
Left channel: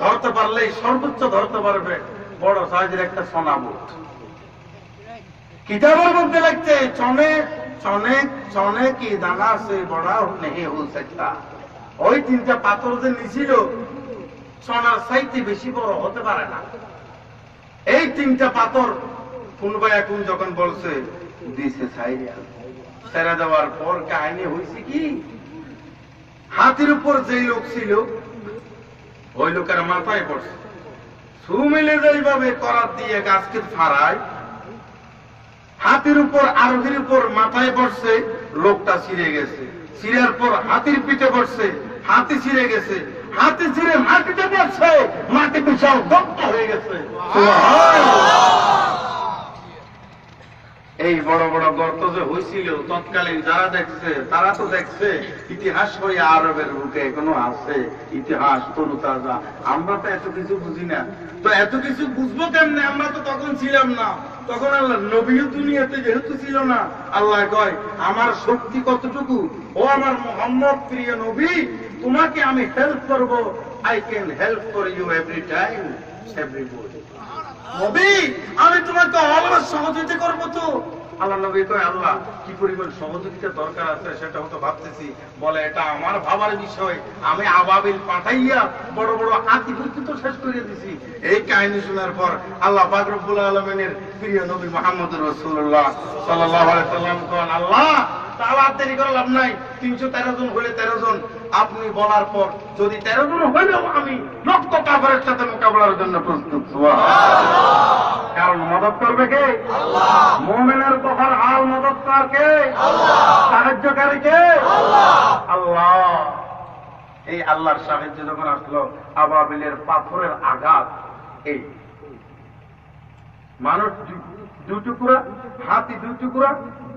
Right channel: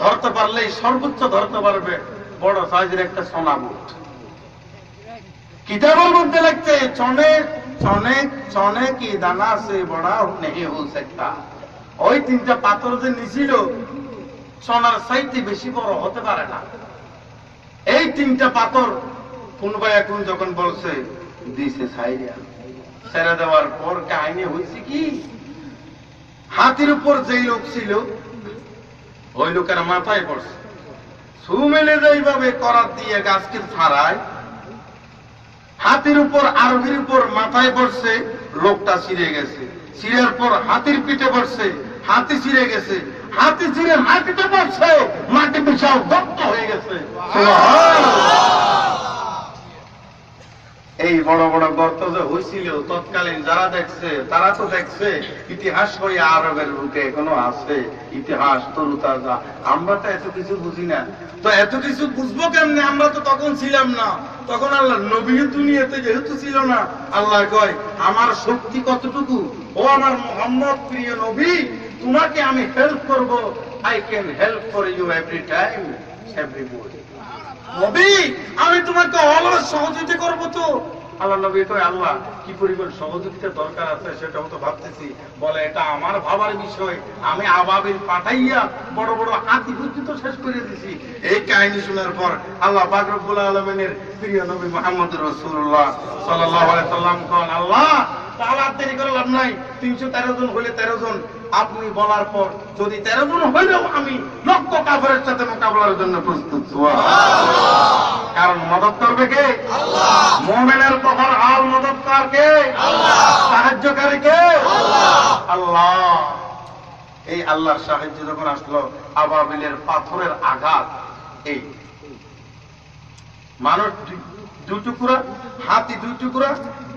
ধরতে পারলেই সর্বোচ্চ ধরতে পারবে বড় সাইজের একটা সোনা বুট। কিতাবের মধ্যে লিখছে চনে চনে চনে কি দানা সে বড়া নেই হো सकता। ওই তিনটা পাথর যে নিছিল সোনার চাইতে বেশি বড় হতে পারে না। এই তিনটা পাথর কোন এখন যখন বলছে দিছে সাইরিয়া, ছেড়ে দেওয়ার পর কাহিনী হয়েছে কি, হাতির উপর যেই লোক ছিল ওই লোকের মাথায় পড়ছে, ছু মেলে যেইভাবে করার দিয়ে গাছকে ফাড়ায়, হাতির উপর আরোহীর উপর মাথায় পড়ছে, লোকটা ছিঁড়ে গেছে। ছিঁড়ার পর হাতির পিঠে পড়ছে, হাতি ছিঁড়ে গেছে। হাতি ছিঁড়ে মাটিতে পড়ছে, মাটি পিছাও দগ্ধ হয়ে গেছে। এই বড় বড় গর্ত যে হয়েছিল তৎকালীন যারা দেখছে তারা তো দেখছে ইতিহাস বই আরবের বুকে এখনো আছে, ইতিহাস তরু তাজা। আমরা তো এত কিছু বুঝি না, তো এত কিছু বুঝবো কেমনে, আমরা তো তখন ছিলাম না। তখন আল্লাহ নবীও দুনিয়াতে যেহেতু ছিল না, আল্লাহ কয় আমার শক্তি কতটুকু, ও আমার মুহাম্মদ প্রিয় নবী, তোমাকে আমি হেল্প করব। I can help for you every time everybody. নবী আমি তোমাকে অলওয়েজ সহযোগিতা করবো। তো আল্লাহ নবী কয় আল্লাহ কি পরিমাণ সহযোগিতা দরকার আছে সেটা হয়তো ভাবতেছি। বলে এটা আমার ভাবার বিষয়, আমি আবাবিল পাঠাইয়া বড় বড় হাতি তো শেষ করে দিছি। এই কাহিনী শোনার পর আল্লাহ পাক রব্বুল আলামিনের প্রিয় নবী মুহাম্মদুর রাসূলুল্লাহ সাল্লাল্লাহু আলাইহি সাল্লাম কন আল্লাহ তাহলে আর দেরি করে লাভ নাই, 313 জন হলে 13 জন আপনি বলার পর যদি 13 জন হইলেও আমি লক্ষ কাফেরের সাথে মোকাবেলার জন্য প্রস্তুত। সুবহানাল্লাহ। কারণ মদত করবে কে? আল্লাহ। মুমিনের কফার হাল মদতকার কে? আল্লাহ। সাহায্যকারী কে? আল্লাহ। আল্লাহ। এই আল্লাহর সাহায্য যখন আসলো, আবাবিলের পাথরের আঘাত, এই মানুষ দুই টুকরা, হাতি দুই টুকরা,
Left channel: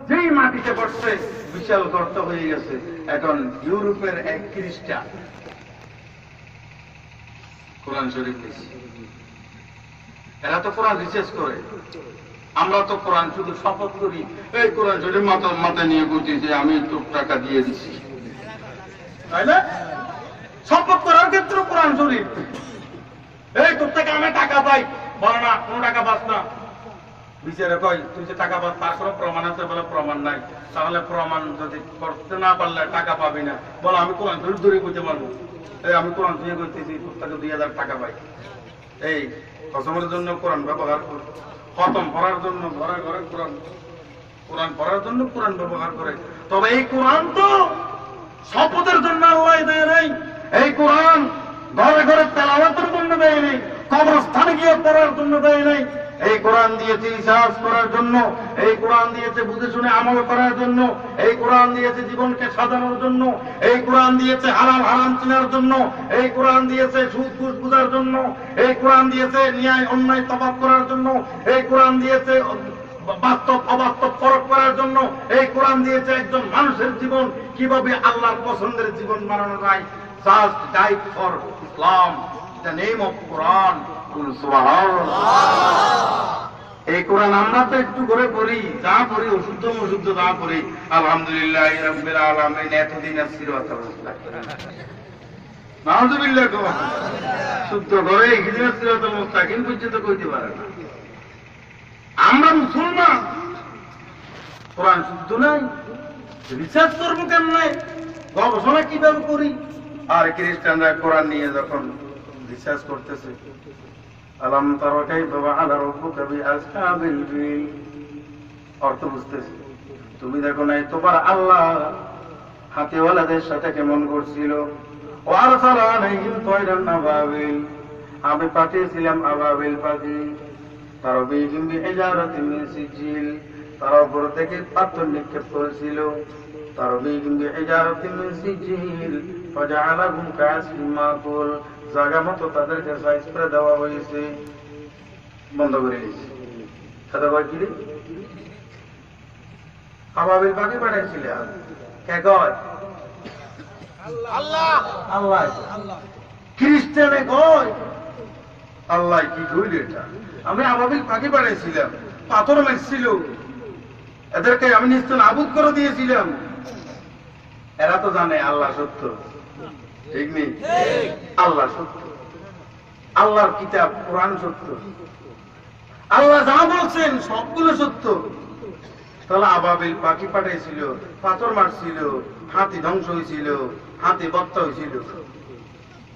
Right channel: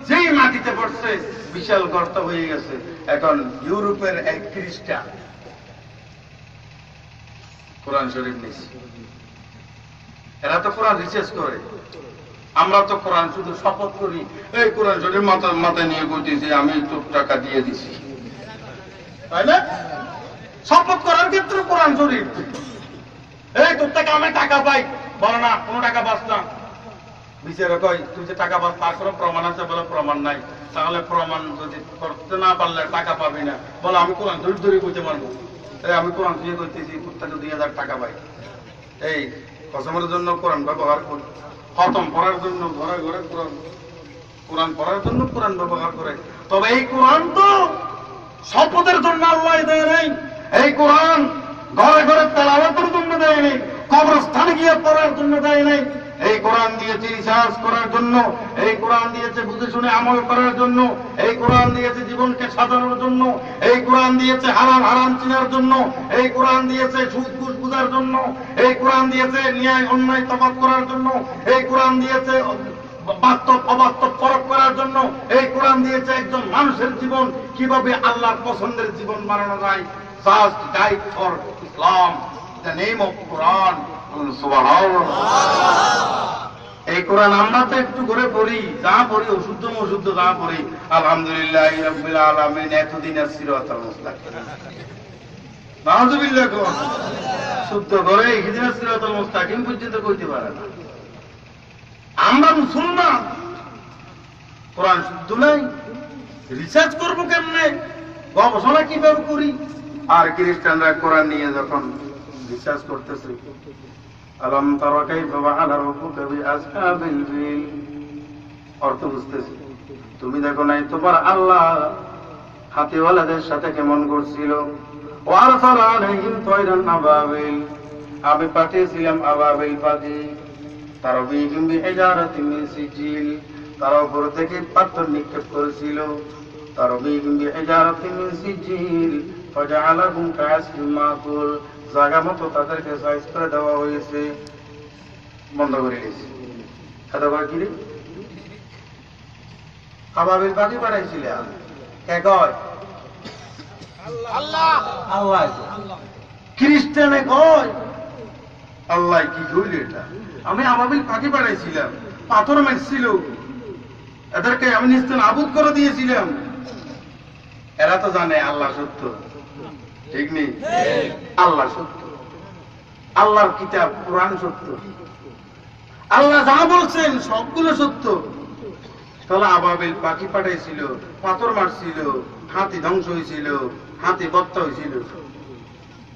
যেই মাটিতে পড়ছে বিশাল গর্ত হয়ে গেছে। এখন ইউরোপের এক খ্রিস্টান কোরআন শরীফ নিচ্ছে, এরা তো কোরআন রিসার্চ করে, আমরা তো কোরআন শুধু শপথ করি, এই কোরআন শরীফ মাথায় নিয়ে বুঝতেছি আমি একটু টাকা দিয়ে দিছি, তাই না? শপথ করার ক্ষেত্রে কোরআন শরীফ, এই তোর থেকে আমি টাকা পাই, বল না কোনো টাকা পাস না। বিচারে কয় তুমি যে টাকা পাস তার কোনো প্রমাণ আছে? বলে প্রমাণ নাই। তাহলে প্রমাণ যদি করতে না পারলে টাকা পাবি না। বলে আমি কোরআন শরীফ ধরে কইতে পারবো, এই আমি কোরআন শরীফ করতেছি তোর থেকে 2000 টাকা পাই। এই কসমের জন্য কোরআন ব্যবহার করি, খতম পড়ার জন্য ঘরে ঘরে কোরআন, কোরআন পড়ার জন্য কোরআন ব্যবহার করে। তবে এই কোরআন তো শপথের জন্য আল্লাহ দেয় নাই। এই কোরআন ঘরে ঘরে তেলাওয়াতের জন্য দেয় নাই, কবরস্থানে গিয়ে পড়ার জন্য দেয় নাই। এই কোরআন দিয়েছে রিসার্চ করার জন্য, এই কোরআন দিয়েছে বুঝে শুনে আমল করার জন্য, এই কোরআন দিয়েছে জীবনকে সাজানোর জন্য, এই কোরআন দিয়েছে হালাল হারাম চেনার জন্য, এই কোরআন দিয়েছে সুদ ঘুষ বুঝার জন্য, এই কোরআন দিয়েছে ন্যায় অন্যায় তফাৎ করার জন্য, এই কোরআন দিয়েছে বাস্তব অবাস্তব পরখ করার জন্য, এই কোরআন দিয়েছে একজন মানুষের জীবন কিভাবে আল্লাহর পছন্দের জীবন বানানো যায়। Just guide for Islam, the name of Quran. এই কোরআন আমরা তো একটু করে পড়ি, যা পড়ি অশুদ্ধ অশুদ্ধ যা পড়ি, আলহামদুলিল্লাহ রাব্বিল আলামিন এতদিন সিরাতাল মুস্তাকিম, নাউযুবিল্লাহ, শুদ্ধ করে ইহদিনাস সিরাতাল মুস্তাকিম পর্যন্ত কইতে পারে না। আমরা মুসলমান, কোরআন শুদ্ধ নাই, রিসার্চ করবো কেমনে, গবেষণা কিভাবে করি? আর খ্রিস্টানরা কোরআন নিয়ে যখন রিসার্চ করতেছে, আলাম তারা কাইফা ফাআলা রাব্বুকা বিআসহাবিল ফিল, অর্থ বুঝতেছে, তুমি দেখো নাই তোমার আল্লাহ হাতিওয়ালাদের সাথে কেমন করছিল। ওয়ারসালা আলাইহিম তায়রান আবাবিল, আমি পাঠিয়েছিলাম আবাবিল পাখি, তারবিহিম বিহিজারাতিন মিন সিজিল, তার উপর থেকে পাথর নিক্ষেপ করেছিল, তারবিহিম বিহিজারাতিন মিন সিজিল ফাজআলাহুম কাআসফিন মাকুল, জায়গা মতো তাদেরকে সাইজ করে দেওয়া হয়েছে। বন্ধ করে দিয়েছে। সাদা ভাই কি রে, আবাবিল পাখি পাঠাইছিলাম, কে কয়? আল্লাহ। আল্লাহ। খ্রিস্টানে কয় আল্লাহ। কি কইল এটা? আমি আবাবিল পাখি পাঠাইছিলাম, পাথর মারছিল, এদেরকে আমি নিস্তান আবুদ করে দিয়েছিলাম। এরা তো জানে আল্লাহ সত্য, ঠিক নেই? আল্লাহ সত্য, আল্লাহর কিতাব কোরআন সত্য, আল্লাহ যা বলছেন সবগুলো সত্য। তাহলে আবাবিল পাখি পাঠাইছিল, পাথর মারছিল, হাতি ধ্বংস হয়েছিল, হাতি বত্তা হয়েছিল।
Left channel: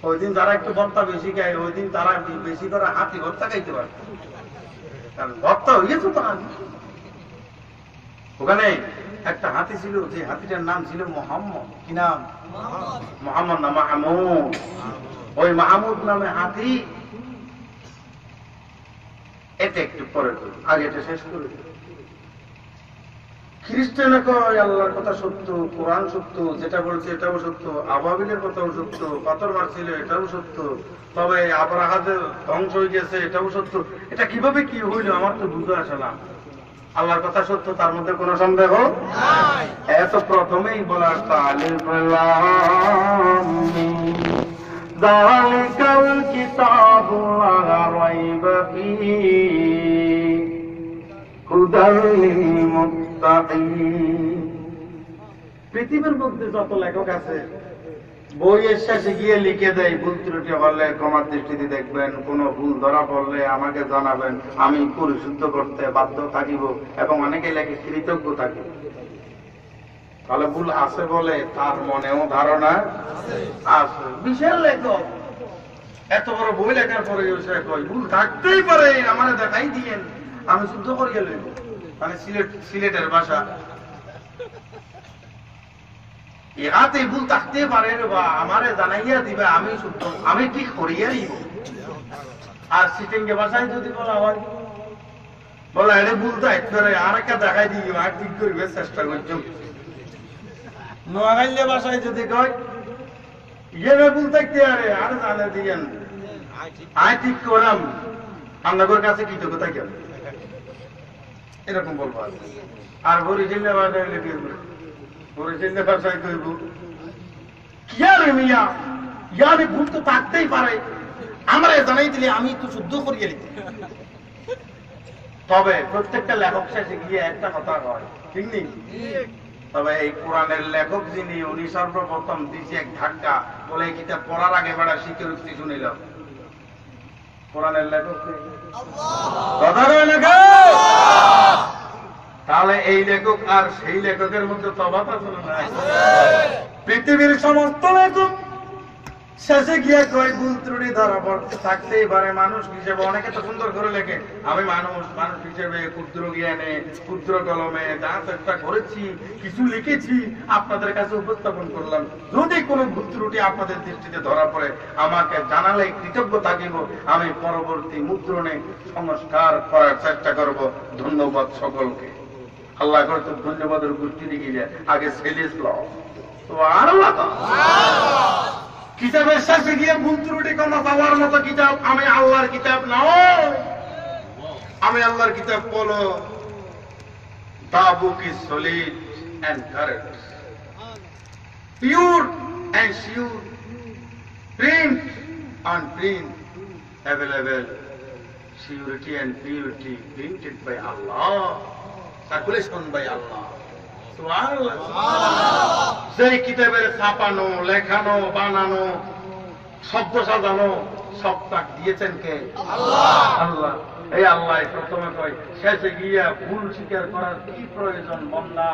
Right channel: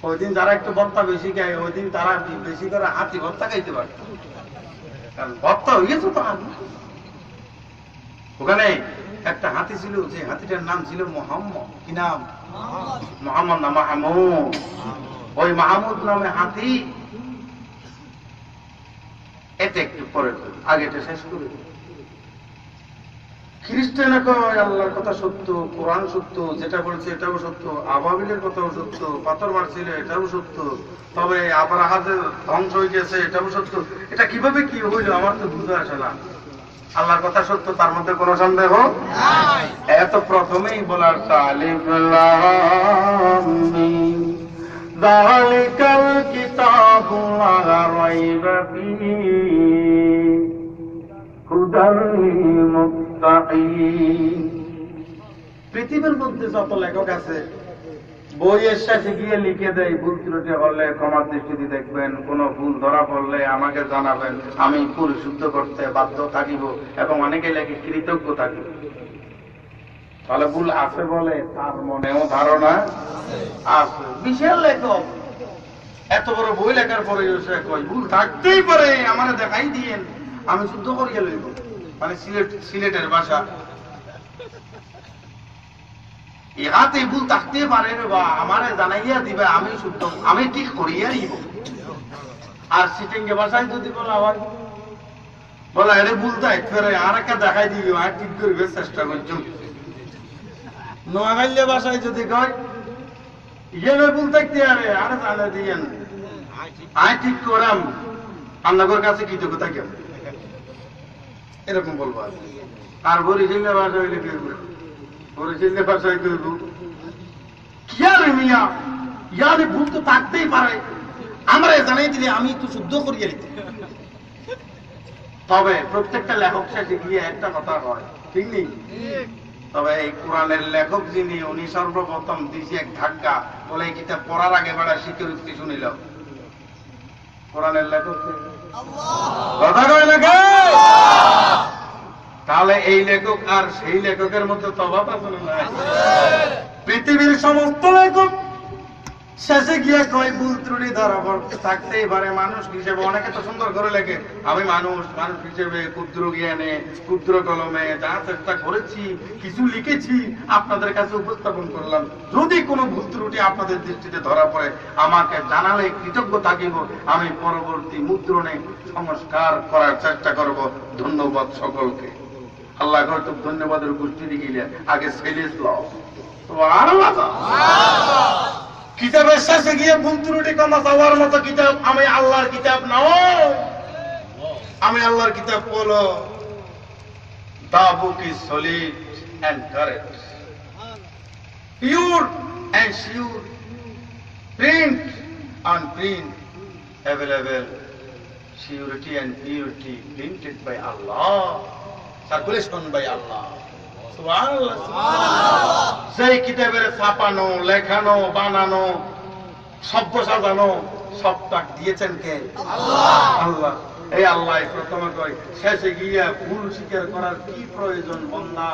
ওই দিন যারা একটু বত্তা বেশি খায়, ওই দিন তারা বেশি করে হাতি বত্তা খাইতে পারে, কারণ বত্তা হয়েছে তো। ওখানে একটা হাতি ছিল, যে হাতিটার নাম ছিল মোহাম্মদ। কি নাম? মোহাম্মদ না মাহমুদ। ওই মাহমুদ নামে হাতি। এটা একটু পরে করি, আগে এটা শেষ করে। খ্রিস্টানে কয় আল্লাহর কথা সত্য, কোরআন সত্য, যেটা বলছে এটাও সত্য, আবাবিলের কথাও সত্য, পাথর মারছিল এটাও সত্য, তবে আবরাহা যে ধ্বংস হয়ে গেছে এটাও সত্য। এটা কিভাবে কি হইল আমার তো বুঝতে আসে না। আল্লাহর কথা সত্য, তার মধ্যে কোনো সন্দেহ নাই। এত প্রথমেই বলার আলিফ লাম মিম যালিকাল কিতাবু লা রাইবা ফীহি হুদাল লিল মুত্তাকিন। পৃথিবীর মধ্যে যত লেখক আছে, বইয়ের শেষে গিয়ে লিখে দেয়, ভুল ত্রুটি হলে ক্ষমার দৃষ্টিতে দেখবেন, কোন ভুল ধরা পড়লে আমাকে জানাবেন, আমি পরিশুদ্ধ করতে বাধ্য থাকিব, এবং অনেকে লেখে কৃতজ্ঞ থাকিব। তাহলে ভুল আছে বলে তার মনেও ধারণা আছে। বিশাল লেখক, এত বড় বই লেখার পরে ভুল থাকতেই পারে, আমার দেখাই দিয়েন, আমি শুদ্ধ করিয়ে লইব। মানে সিলেটের ভাষা, ইহাতে ভুল থাকতে পারে রে বা, আমারে জানাইয়া দিবে, আমি শুদ্ধ, আমি ঠিক করিয়া দিব। আর সিটিংকে ভাষায় যদি বলা হয়, বলা এটা ভুল থাকতে পারে, আর একটা দেখাই দিবি, আর ঠিক করিবে চেষ্টা করছো। নোয়াখালী ভাষায় যদি কয় ইয়ে ভুল থাকতে পারে, আর জানে দিয়েন, আয় ঠিক করাম, আপনাদের কাছে কৃতজ্ঞতা কেমন, এরকম বলবো। আর বরিশালী ভাষায় বরিশালী ভাষায় কইব কি আর মিয়া, ইয়ারে ভুল তো থাকতেই পারে, আমরা জানাই দিলে আমি একটু শুদ্ধ করিয়ে নিতে। তবে প্রত্যেকটা লেখক শেষে গিয়ে একটা কথা হয়, ঠিক নেই? তবে এই কোরআনের লেখক যিনি, উনি সর্বপ্রথম দিয়েছে এক ধাক্কা, বলে এই কিতাব পড়ার আগে বেড়া শিখে উঠতে শুনিল। কোরআনের লেখক কথা কয় না কে? তাহলে এই লেখক আর সেই লেখকের মধ্যে তফাৎ আছে না? পৃথিবীর সমস্ত লেখক শেষে গিয়ে কই ভুল ত্রুটি ধরা থাকতেই পারে, মানুষ হিসেবে অনেকে তো সুন্দর করে লেখে আমি মানুষ হিসেবে ক্ষুদ্র জ্ঞানে ক্ষুদ্র কলমে যা চেষ্টা করেছি কিছু লিখেছি আপনাদের কাছে উপস্থাপন করলাম। যদি কোনো ভুল ত্রুটি আপনাদের দৃষ্টিতে ধরা পড়ে আমাকে জানালে কৃতজ্ঞ থাকিব, আমি পরবর্তী মুদ্রণে সংস্কার করার চেষ্টা করব। ধন্যবাদ সকলকে। আল্লাহ হয়তো ধন্যবাদের গোষ্ঠী গিয়ে আগে সেলিস ল তো আর কিতাবের শেষে গিয়ে ভুল ত্রুটি ক্ষমা চাওয়ার মতো কিতাব আমি আল্লাহর কিতাব নয়। আমি আল্লাহর কিতাব বলো the book is solid and correct, pure and sure, print and print available, surety and purity printed by Allah, circulation by Allah. সেই কিতাবের ছাপানো লেখানো বানানো শব্দ সাজানো সব তাক দিয়েছেন কে? আল্লাহ। এই আল্লাহ প্রথমে কয় শেষে গিয়া ভুল স্বীকার করার কি প্রয়োজন বান্দা,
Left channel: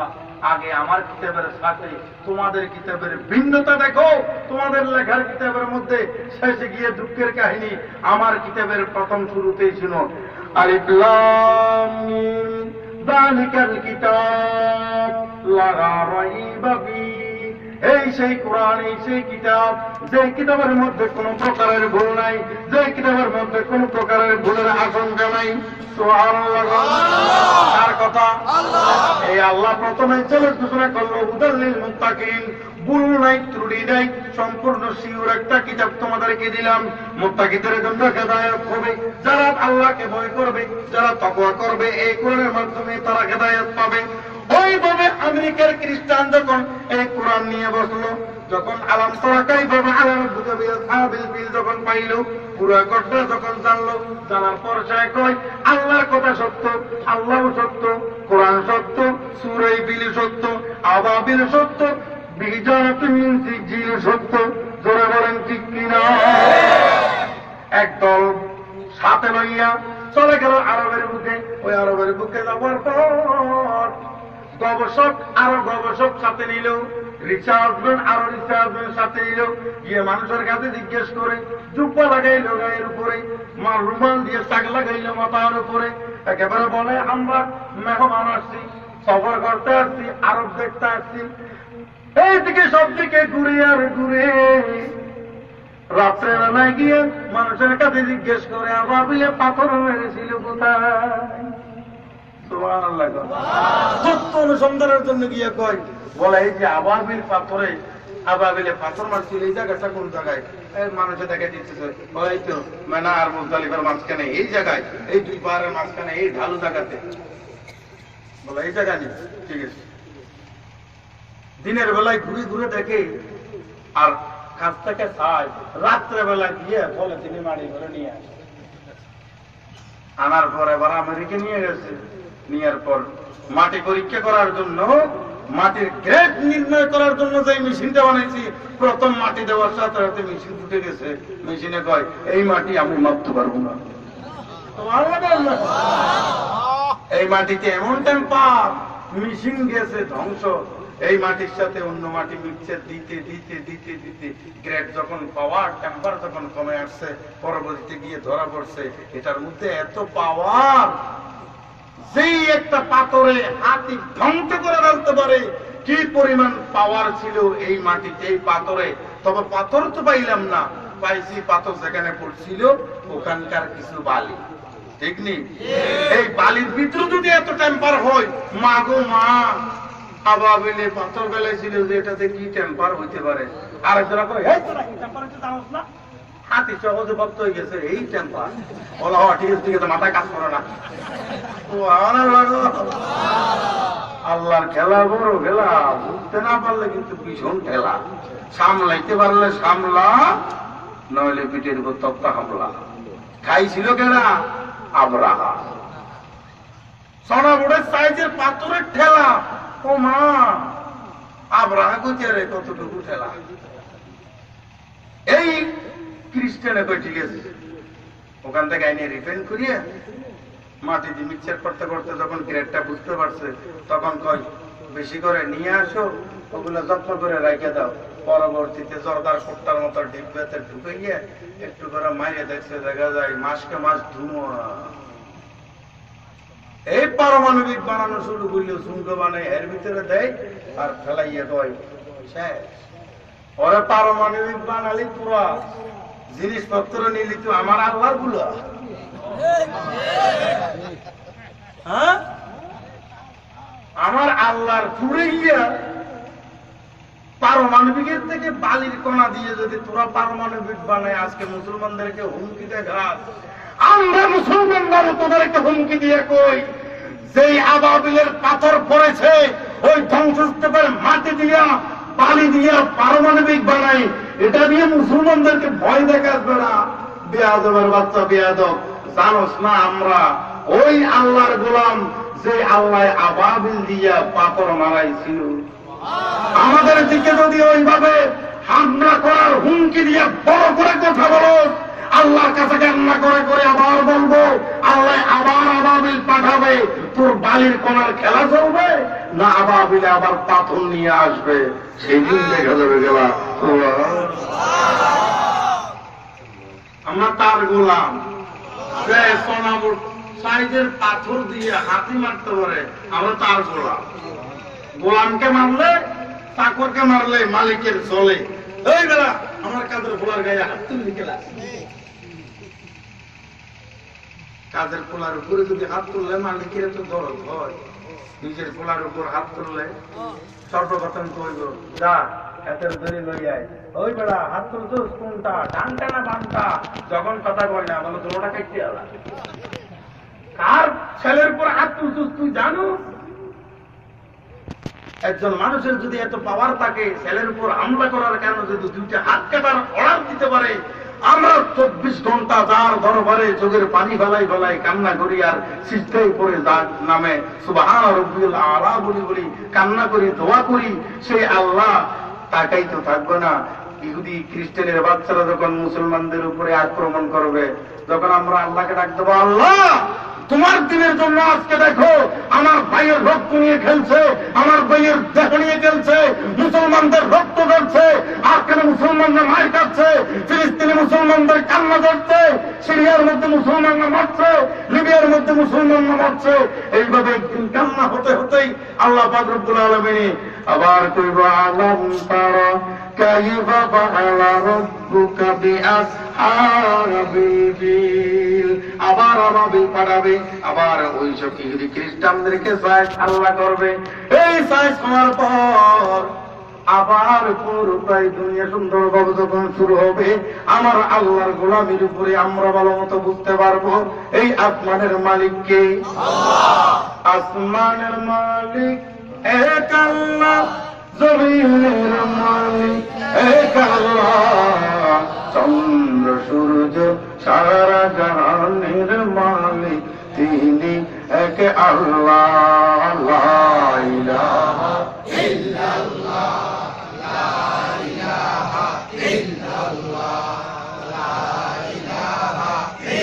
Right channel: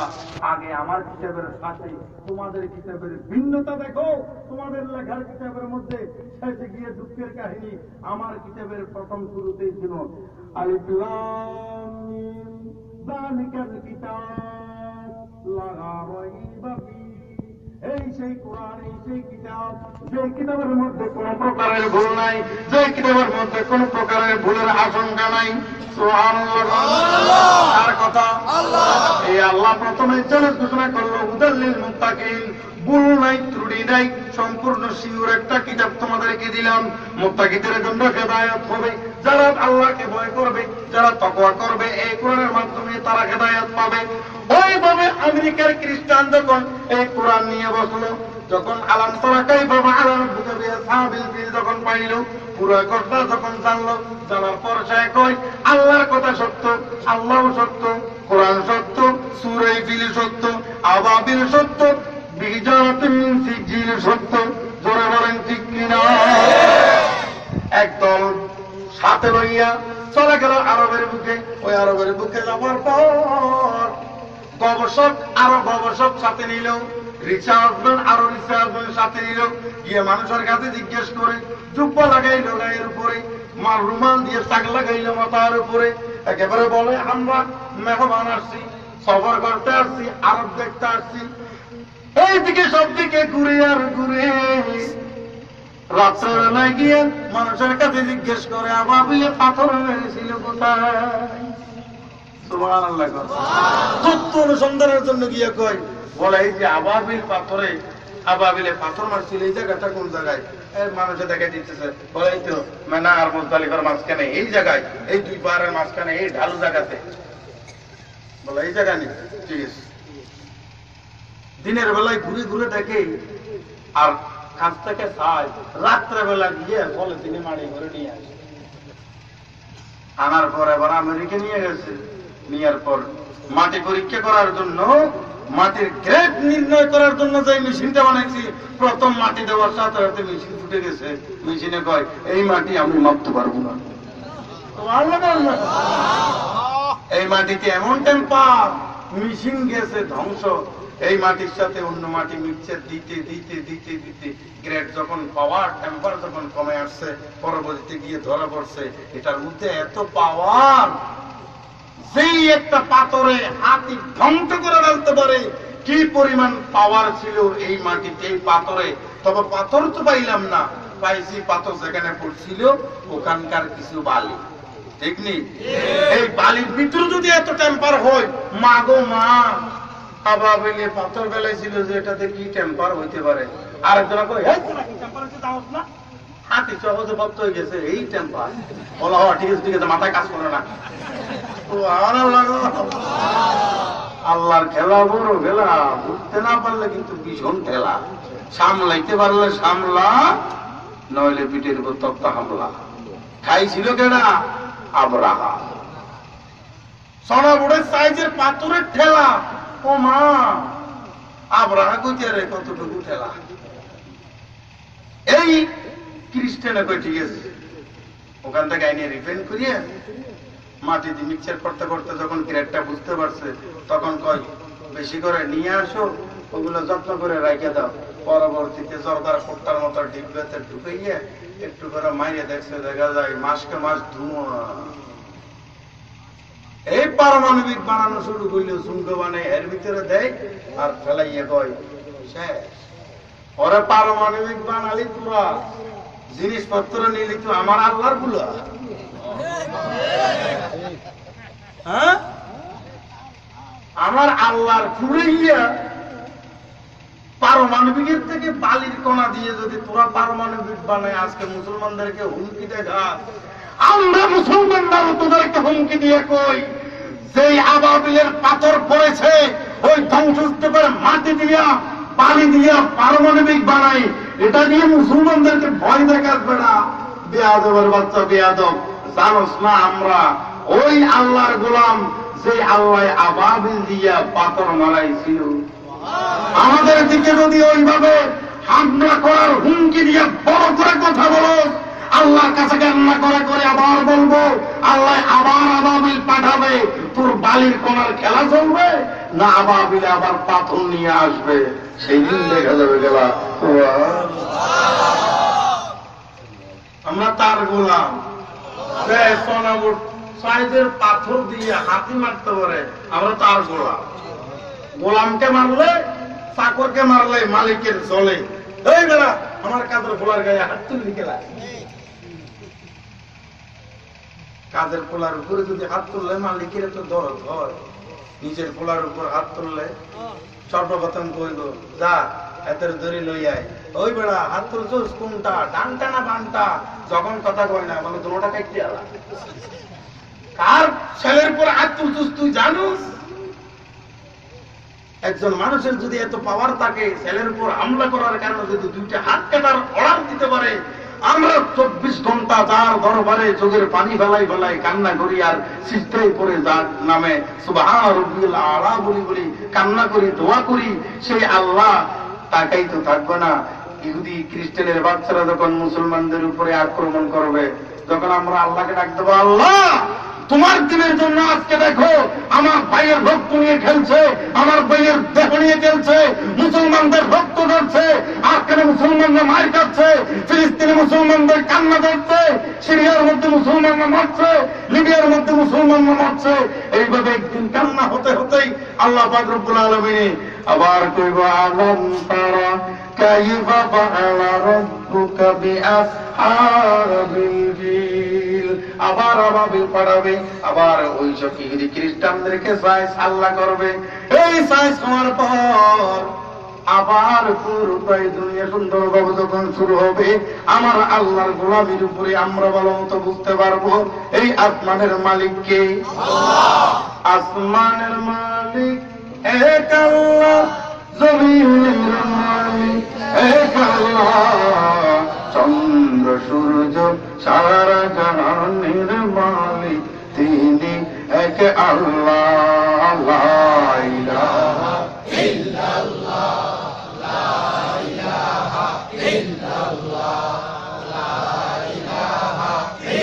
আগে আমার কিতাবের সাথে তোমাদের কিতাবের ভিন্নতা দেখো। তোমাদের লেখার কিতাবের মধ্যে শেষে গিয়ে দুঃখের কাহিনী, আমার কিতাবের প্রথম শুরুতেই ছিল আলিফ লাম মিম যালিকাল কিতাব লা রাইবা ফিহি। এই সেই কোরআন, এই সেই কিতাব, যে কিতাবের মধ্যে কোনো প্রকারের ভুল নাই, যে কিতাবের মধ্যে কোনো প্রকারের ভুলের আশঙ্কা নাই। সুবহানাল্লাহ। কার কথা? এই আল্লাহ প্রথমে চ্যালেঞ্জ ঘোষণা করলো হুদাল লিল মুত্তাকিন, ভুল নাই ত্রুটি নাই, সম্পূর্ণ শিওর একটা কিতাব তোমাদেরকে দিলাম। মুত্তাকিদের জন্য হেদায়েত হবে, যারা আল্লাহকে ভয় করবে, যারা তাকওয়া করবে, এই কোরআনের মাধ্যমে তারা হেদায়েত পাবে। ওইভাবে আমেরিকার খ্রিস্টান যখন এই কোরআন নিয়ে বসলো, যখন আলাম তারা কাইফা ফাআলা রাব্বুকা বিআসহাবিল ফিল যখন পাইল, পুরো কথা যখন জানলো, জানার পর সে কয় আল্লাহর কথা সত্য, আল্লাহ সত্য, কোরআন সত্য, সূরা ফিল সত্য, আবাবিল সত্য, বিজারাতিন মিন সিজিল সত্য। জোরে বলেন ঠিক কিনা? একদল সাথে লইয়া চলে গেল আরবের বুকে। ওই আরবের বুকে যাওয়ার পর গবেষক আরো গবেষক সাথে নিল, রিসার্চম্যান আরো রিসার্চম্যান সাথে নিল, গিয়ে মানুষের কাছে জিজ্ঞেস করে জুব্বা লাগাইল গায়ের উপরে, মার রুমাল দিয়ে টাক লাগাইল মাথার উপরে, একেবারে বলে আমরা মেহমান আসছি, সফর করতে আসছি, আরব দেখতে আসছি। এইদিকে সব দিকে ঘুরে আর ঘুরে রাত্রেবেলায় গিয়ে মানুষের কাছে জিজ্ঞেস করে আবাবিলে পাথর মেরেছিল কোথায়? সুবহানাল্লাহ। তথ্য অনুসন্ধানের জন্য গিয়ে কয় বলে এই যে আবাবিল পাথরে, আবাবিলে পাথর মারছিল এই জায়গাটা কোন জায়গায়? মানুষে দেখে দিতেছে, বলে এই তো মেনা আর মুজদালিফার মাঝখানে এই জায়গায়, এই দুই পাহাড়ের মাঝখানে এই ঢালু জায়গাতে। বলে এই জায়গা নেই, ঠিক আছে। দিনের বেলায় ঘুরে ঘুরে দেখে আর কাছ থেকে খায়, রাত্রে বেলা গিয়ে বলে তিনি মাড়ি করে নিয়ে আসে। আনার পর এবার আমেরিকা নিয়ে গেছে, নেওয়ার পর মাটি পরীক্ষা করার জন্য, মাটির গ্রেড নির্ণয় করার জন্য যে মেশিনটা বানাইছি, প্রথম মাটি দেওয়ার সাথে সাথে মেশিন উঠে গেছে। মেশিনে কয় এই মাটি আমি মাপতে পারবো না, এই মাটিতে এমন টেম্পার, মেশিন গেছে ধ্বংস। এই মাটির সাথে অন্য মাটি মিক্সচার দিতে দিতে দিতে দিতে গ্রেড যখন পাওয়ার, টেম্পার যখন কমে আসছে, পরবর্তীতে গিয়ে ধরা পড়ছে এটার মধ্যে এত পাওয়ার, যেই একটা পাথরে হাতি ধ্বংস করে ফেলতে পারে। কি পরিমাণ পাওয়ার ছিল এই মাটিতে, এই পাথরে। তবে পাথর তো পাইলাম না, পাইছি পাথর যেখানে পড়ছিল ওখানকার কিছু বালি, ঠিক নেই? এই বালির ভিতরে যদি এত টেম্পার হয়, মা গো মা, আবাবিলে পাথর ফেলেছিল যে এটাতে কি টেম্পার হইতে পারে। আরেকজনা কই টেম্পার হচ্ছে জানোস না, হাতি সহজে বদ্ধ হয়ে গেছে এই টেম্পার। বলা হয় ঠিক আছে, ঠিক আছে, মাথায় কাজ করে না। আল্লাহর খেলা বড় খেলা, বুঝতে না পারলে কিন্তু ভীষণ খেলা। সামলাইতে পারলে সামলা, নইলে পিঠের উপর তক্তা হামলা। খাইছিল কেনা? আবরাহা। সোনাবুড়ের সাইজের পাথরের ঠেলা, ও মা, আবরাহা গতিয়ারে কতটুকু ঠেলা। এই খ্রিস্টানে কই ঠিক আছে, ওখান থেকে আইনে রিফাইন করিয়ে মাটি দিয়ে মিক্সচার করতে করতে যখন গ্রেডটা বুঝতে পারছে, তখন কয় বেশি করে নিয়ে আসো, ওগুলো যত্ন করে রাখে দাও, পরবর্তীতে জর্দার কোট্টার মতো ডিব্বাতে ঢুকাইয়া একটু করে মাইরে দেখছে, দেখা যায় মাসকে মাস ধুমা। এই পারমাণবিক বানানো শুরু করলে শুল্ক বানাই এর ভিতরে দেয় আর ফেলাইয়া কয় শেষ। ওরা পারমাণবিক বানালি তোরা জিনিসপত্র নিলি তো আমার আল্লাহর গুলা। হ্যাঁ, আমার আল্লাহর পুরে গিয়া পারমাণবিকের থেকে বালির কণা দিয়ে যদি তোরা পারমাণবিক বানায় আজকে মুসলমানদেরকে হুমকি দেখা, আমরা মুসলমানরা তোদেরকে হুমকি দিয়ে কই যেই আবাবিলের পাথর পড়েছে ওই ধ্বংসস্তূপের মাটি দিয়া বালি দিয়া পারমাণবিক বানাই, এটা দিয়ে মুসলমানদেরকে ভয় দেখাবে না। বেয়াদবের বাচ্চা বেয়াদব, জানোস না আমরা ওই আল্লাহর গোলাম যে আল্লাহ আবাবিল দিয়া পাথর মারাইছিল। আমাদের দিকে যদি ওইভাবে হামলা করার হুমকি দিয়ে বড় করে কথা বলো, আল্লাহর কাছে কান্না করে করে আবার বলবো আল্লাহ আবার আবাবিল পাঠাবে, তোর বালির কোনার খেলা চলবে না আবাবিলে আবার পাথর নিয়ে আসবে, সেই দিন দেখা যাবে গেলা। আমরা তার গোলাম, সাইজের পাথর দিয়ে হাতি মারতে পারে, আমরা তার গোলাম। গোলামকে মারলে চাকরকে মারলে মালিকের চলে। এই বেলা আমার কাদের পোলার গায়ে হাত তুললি গেলা, কাদের পোলার উপরে যদি হাত তুললে মালিকের তো দরদ হয়, নিজের পোলার উপর হাত তুললে সর্বপ্রথম কইব যা এতের ধরে লই আয়। ওই বেড়া হাত তুলছোস কোনটা, ডানটা না বামটা? যখন কথা কয় না বলো দোটা কাটতে আলা। কার ছেলের উপর হাত তুলছোস তুই জানোস? একজন মানুষের যদি এত পাওয়ার থাকে, ছেলের উপর হামলা করার কারণে যদি দুইটা হাত কাটার অর্ডার দিতে পারে, আমরা 24 ঘন্টা তার দরবারে চোখের পানি ফেলাই ফেলাই কান্না করি আর সিজদায় পড়ে যার নামে সুবহান রাব্বিল আলা বলি বলি কান্না করি, দোয়া করি, সেই আল্লাহ তাকাই তো থাকবে না। ইহুদি খ্রিস্টানের বাচ্চারা যখন মুসলমানদের উপরে আক্রমণ করবে, যখন আমরা আল্লাহকে ডাক দেবো, আল্লাহ তোমার দিনের জন্য আজকে দেখো আমার ভাইয়ের রক্ত নিয়ে খেলছে, আমার ভাইয়ের দেহ নিয়ে খেলছে, মুসলমানদের রক্ত ধরছে, আজকালে মুসলমানরা মার খাচ্ছে, ফিলিস্তিনে মুসলমানদের কান্না করছে, সিরিয়ার মধ্যে মুসলমানরা মরছে, লিবিয়ার মধ্যে মুসলমানরা মরছে। এইভাবে একদিন কান্না হতে হতেই আল্লাহ পাক রব্বুল আলামিন আবার কইব আলাম তারা কাইফা ফাআলা রাব্বুকা বিআসহাবিল ফিল। আবার আবাবিল পাঠাবে, আবার ওই সব ইহুদি খ্রিস্টানদেরকে সাইজ আল্লাহ করবে। এই সাইজ করার পর আবার পুরোটাই দুনিয়া সুন্দরভাবে যখন শুরু হবে, আমার আল্লাহর গোলামির উপরে আমরা ভালো মতো বুঝতে পারবো এই আসমানের মালিককে। আসমানের মালিক এক আল্লাহ, জমিনের মালিক এক আল্লাহ, চন্দ্র সূর্য সারা জাহানের মালিক তিনি এক আল্লাহ। লা ইলাহা ইল্লাল্লাহ, লা ইলাহা ইল্লাল্লাহ, লা ইলাহা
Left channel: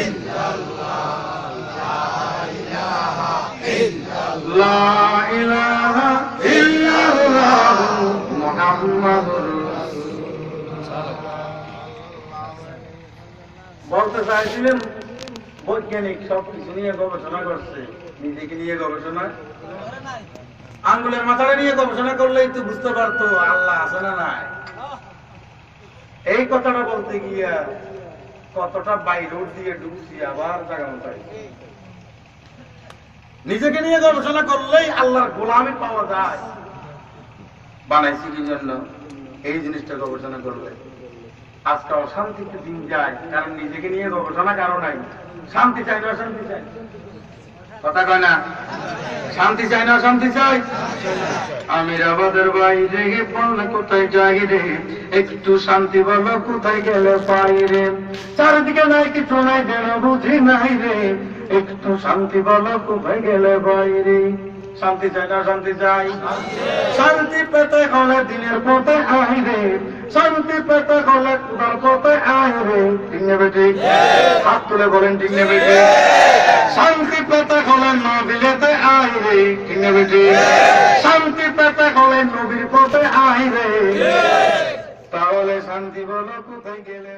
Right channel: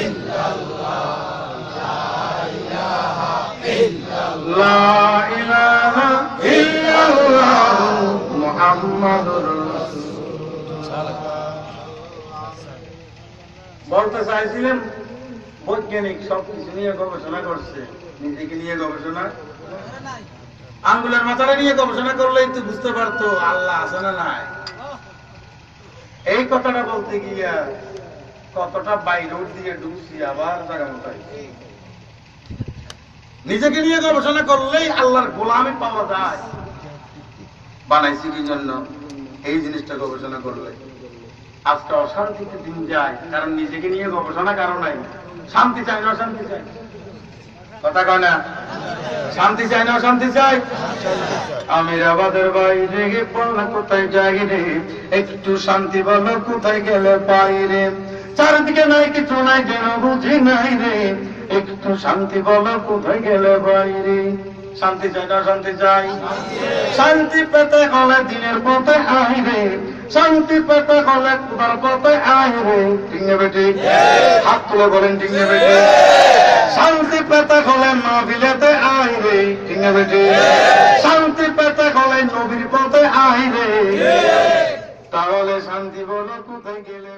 ইল্লাল্লাহ, লা ইলাহা ইল্লাল্লাহ, লা ইলাহা ইল্লাল্লাহ মুহাম্মাদুর রাসূলুল্লাহ। বলতে চাইছিলেন বৈজ্ঞানিক সবকিছু নিয়ে গবেষণা করছে, নিজেকে নিয়ে গবেষণা, আঙ্গুলের মাথাটা নিয়ে গবেষণা করলেই তো বুঝতে পারতো আল্লাহ আছে না নাই। এই কথাটা বলতে গিয়া কতটা বাই রোড দিয়ে ঢুকছি, আবার জায়গা মতো নিজেকে নিয়ে গবেষণা করলেই আল্লাহর গোলামি পাওয়া যায়। বানাইছি কি জন্য? এই জিনিসটা গবেষণা করলে আজকে অশান্তিতে দিন যায়, কারণ নিজেকে নিয়ে গবেষণা কারো নাই। শান্তি চাই না অশান্তি চাই? কথা কয় না? শান্তি চাই না অশান্তি চাই? আমিরাবাদের বাইরে বললো কোথায় যাই রে, একটু শান্তি বলো কোথায় গেলে পাই রে, চারিদিকে নাই কিছু নাই যেন বুঝি নাই রে, একটু শান্তি বলো কোথায় গেলে বাইরে। শান্তি চাই না শান্তি চাই? শান্তি পেতে হলে দিনের পথে আই রে, শান্তি পেতে হলে খুদার পথে আই রে। ঠিক নেবে ঠিক? হাত তুলে বলেন ঠিক নেবে ঠিক? শান্তি পেতে হলে নবীতে আই রে। ঠিক নেবে ঠিক? শান্তি পেতে হলে নবীর পথে আই রে। শান্তি বলো কোথায় গেলে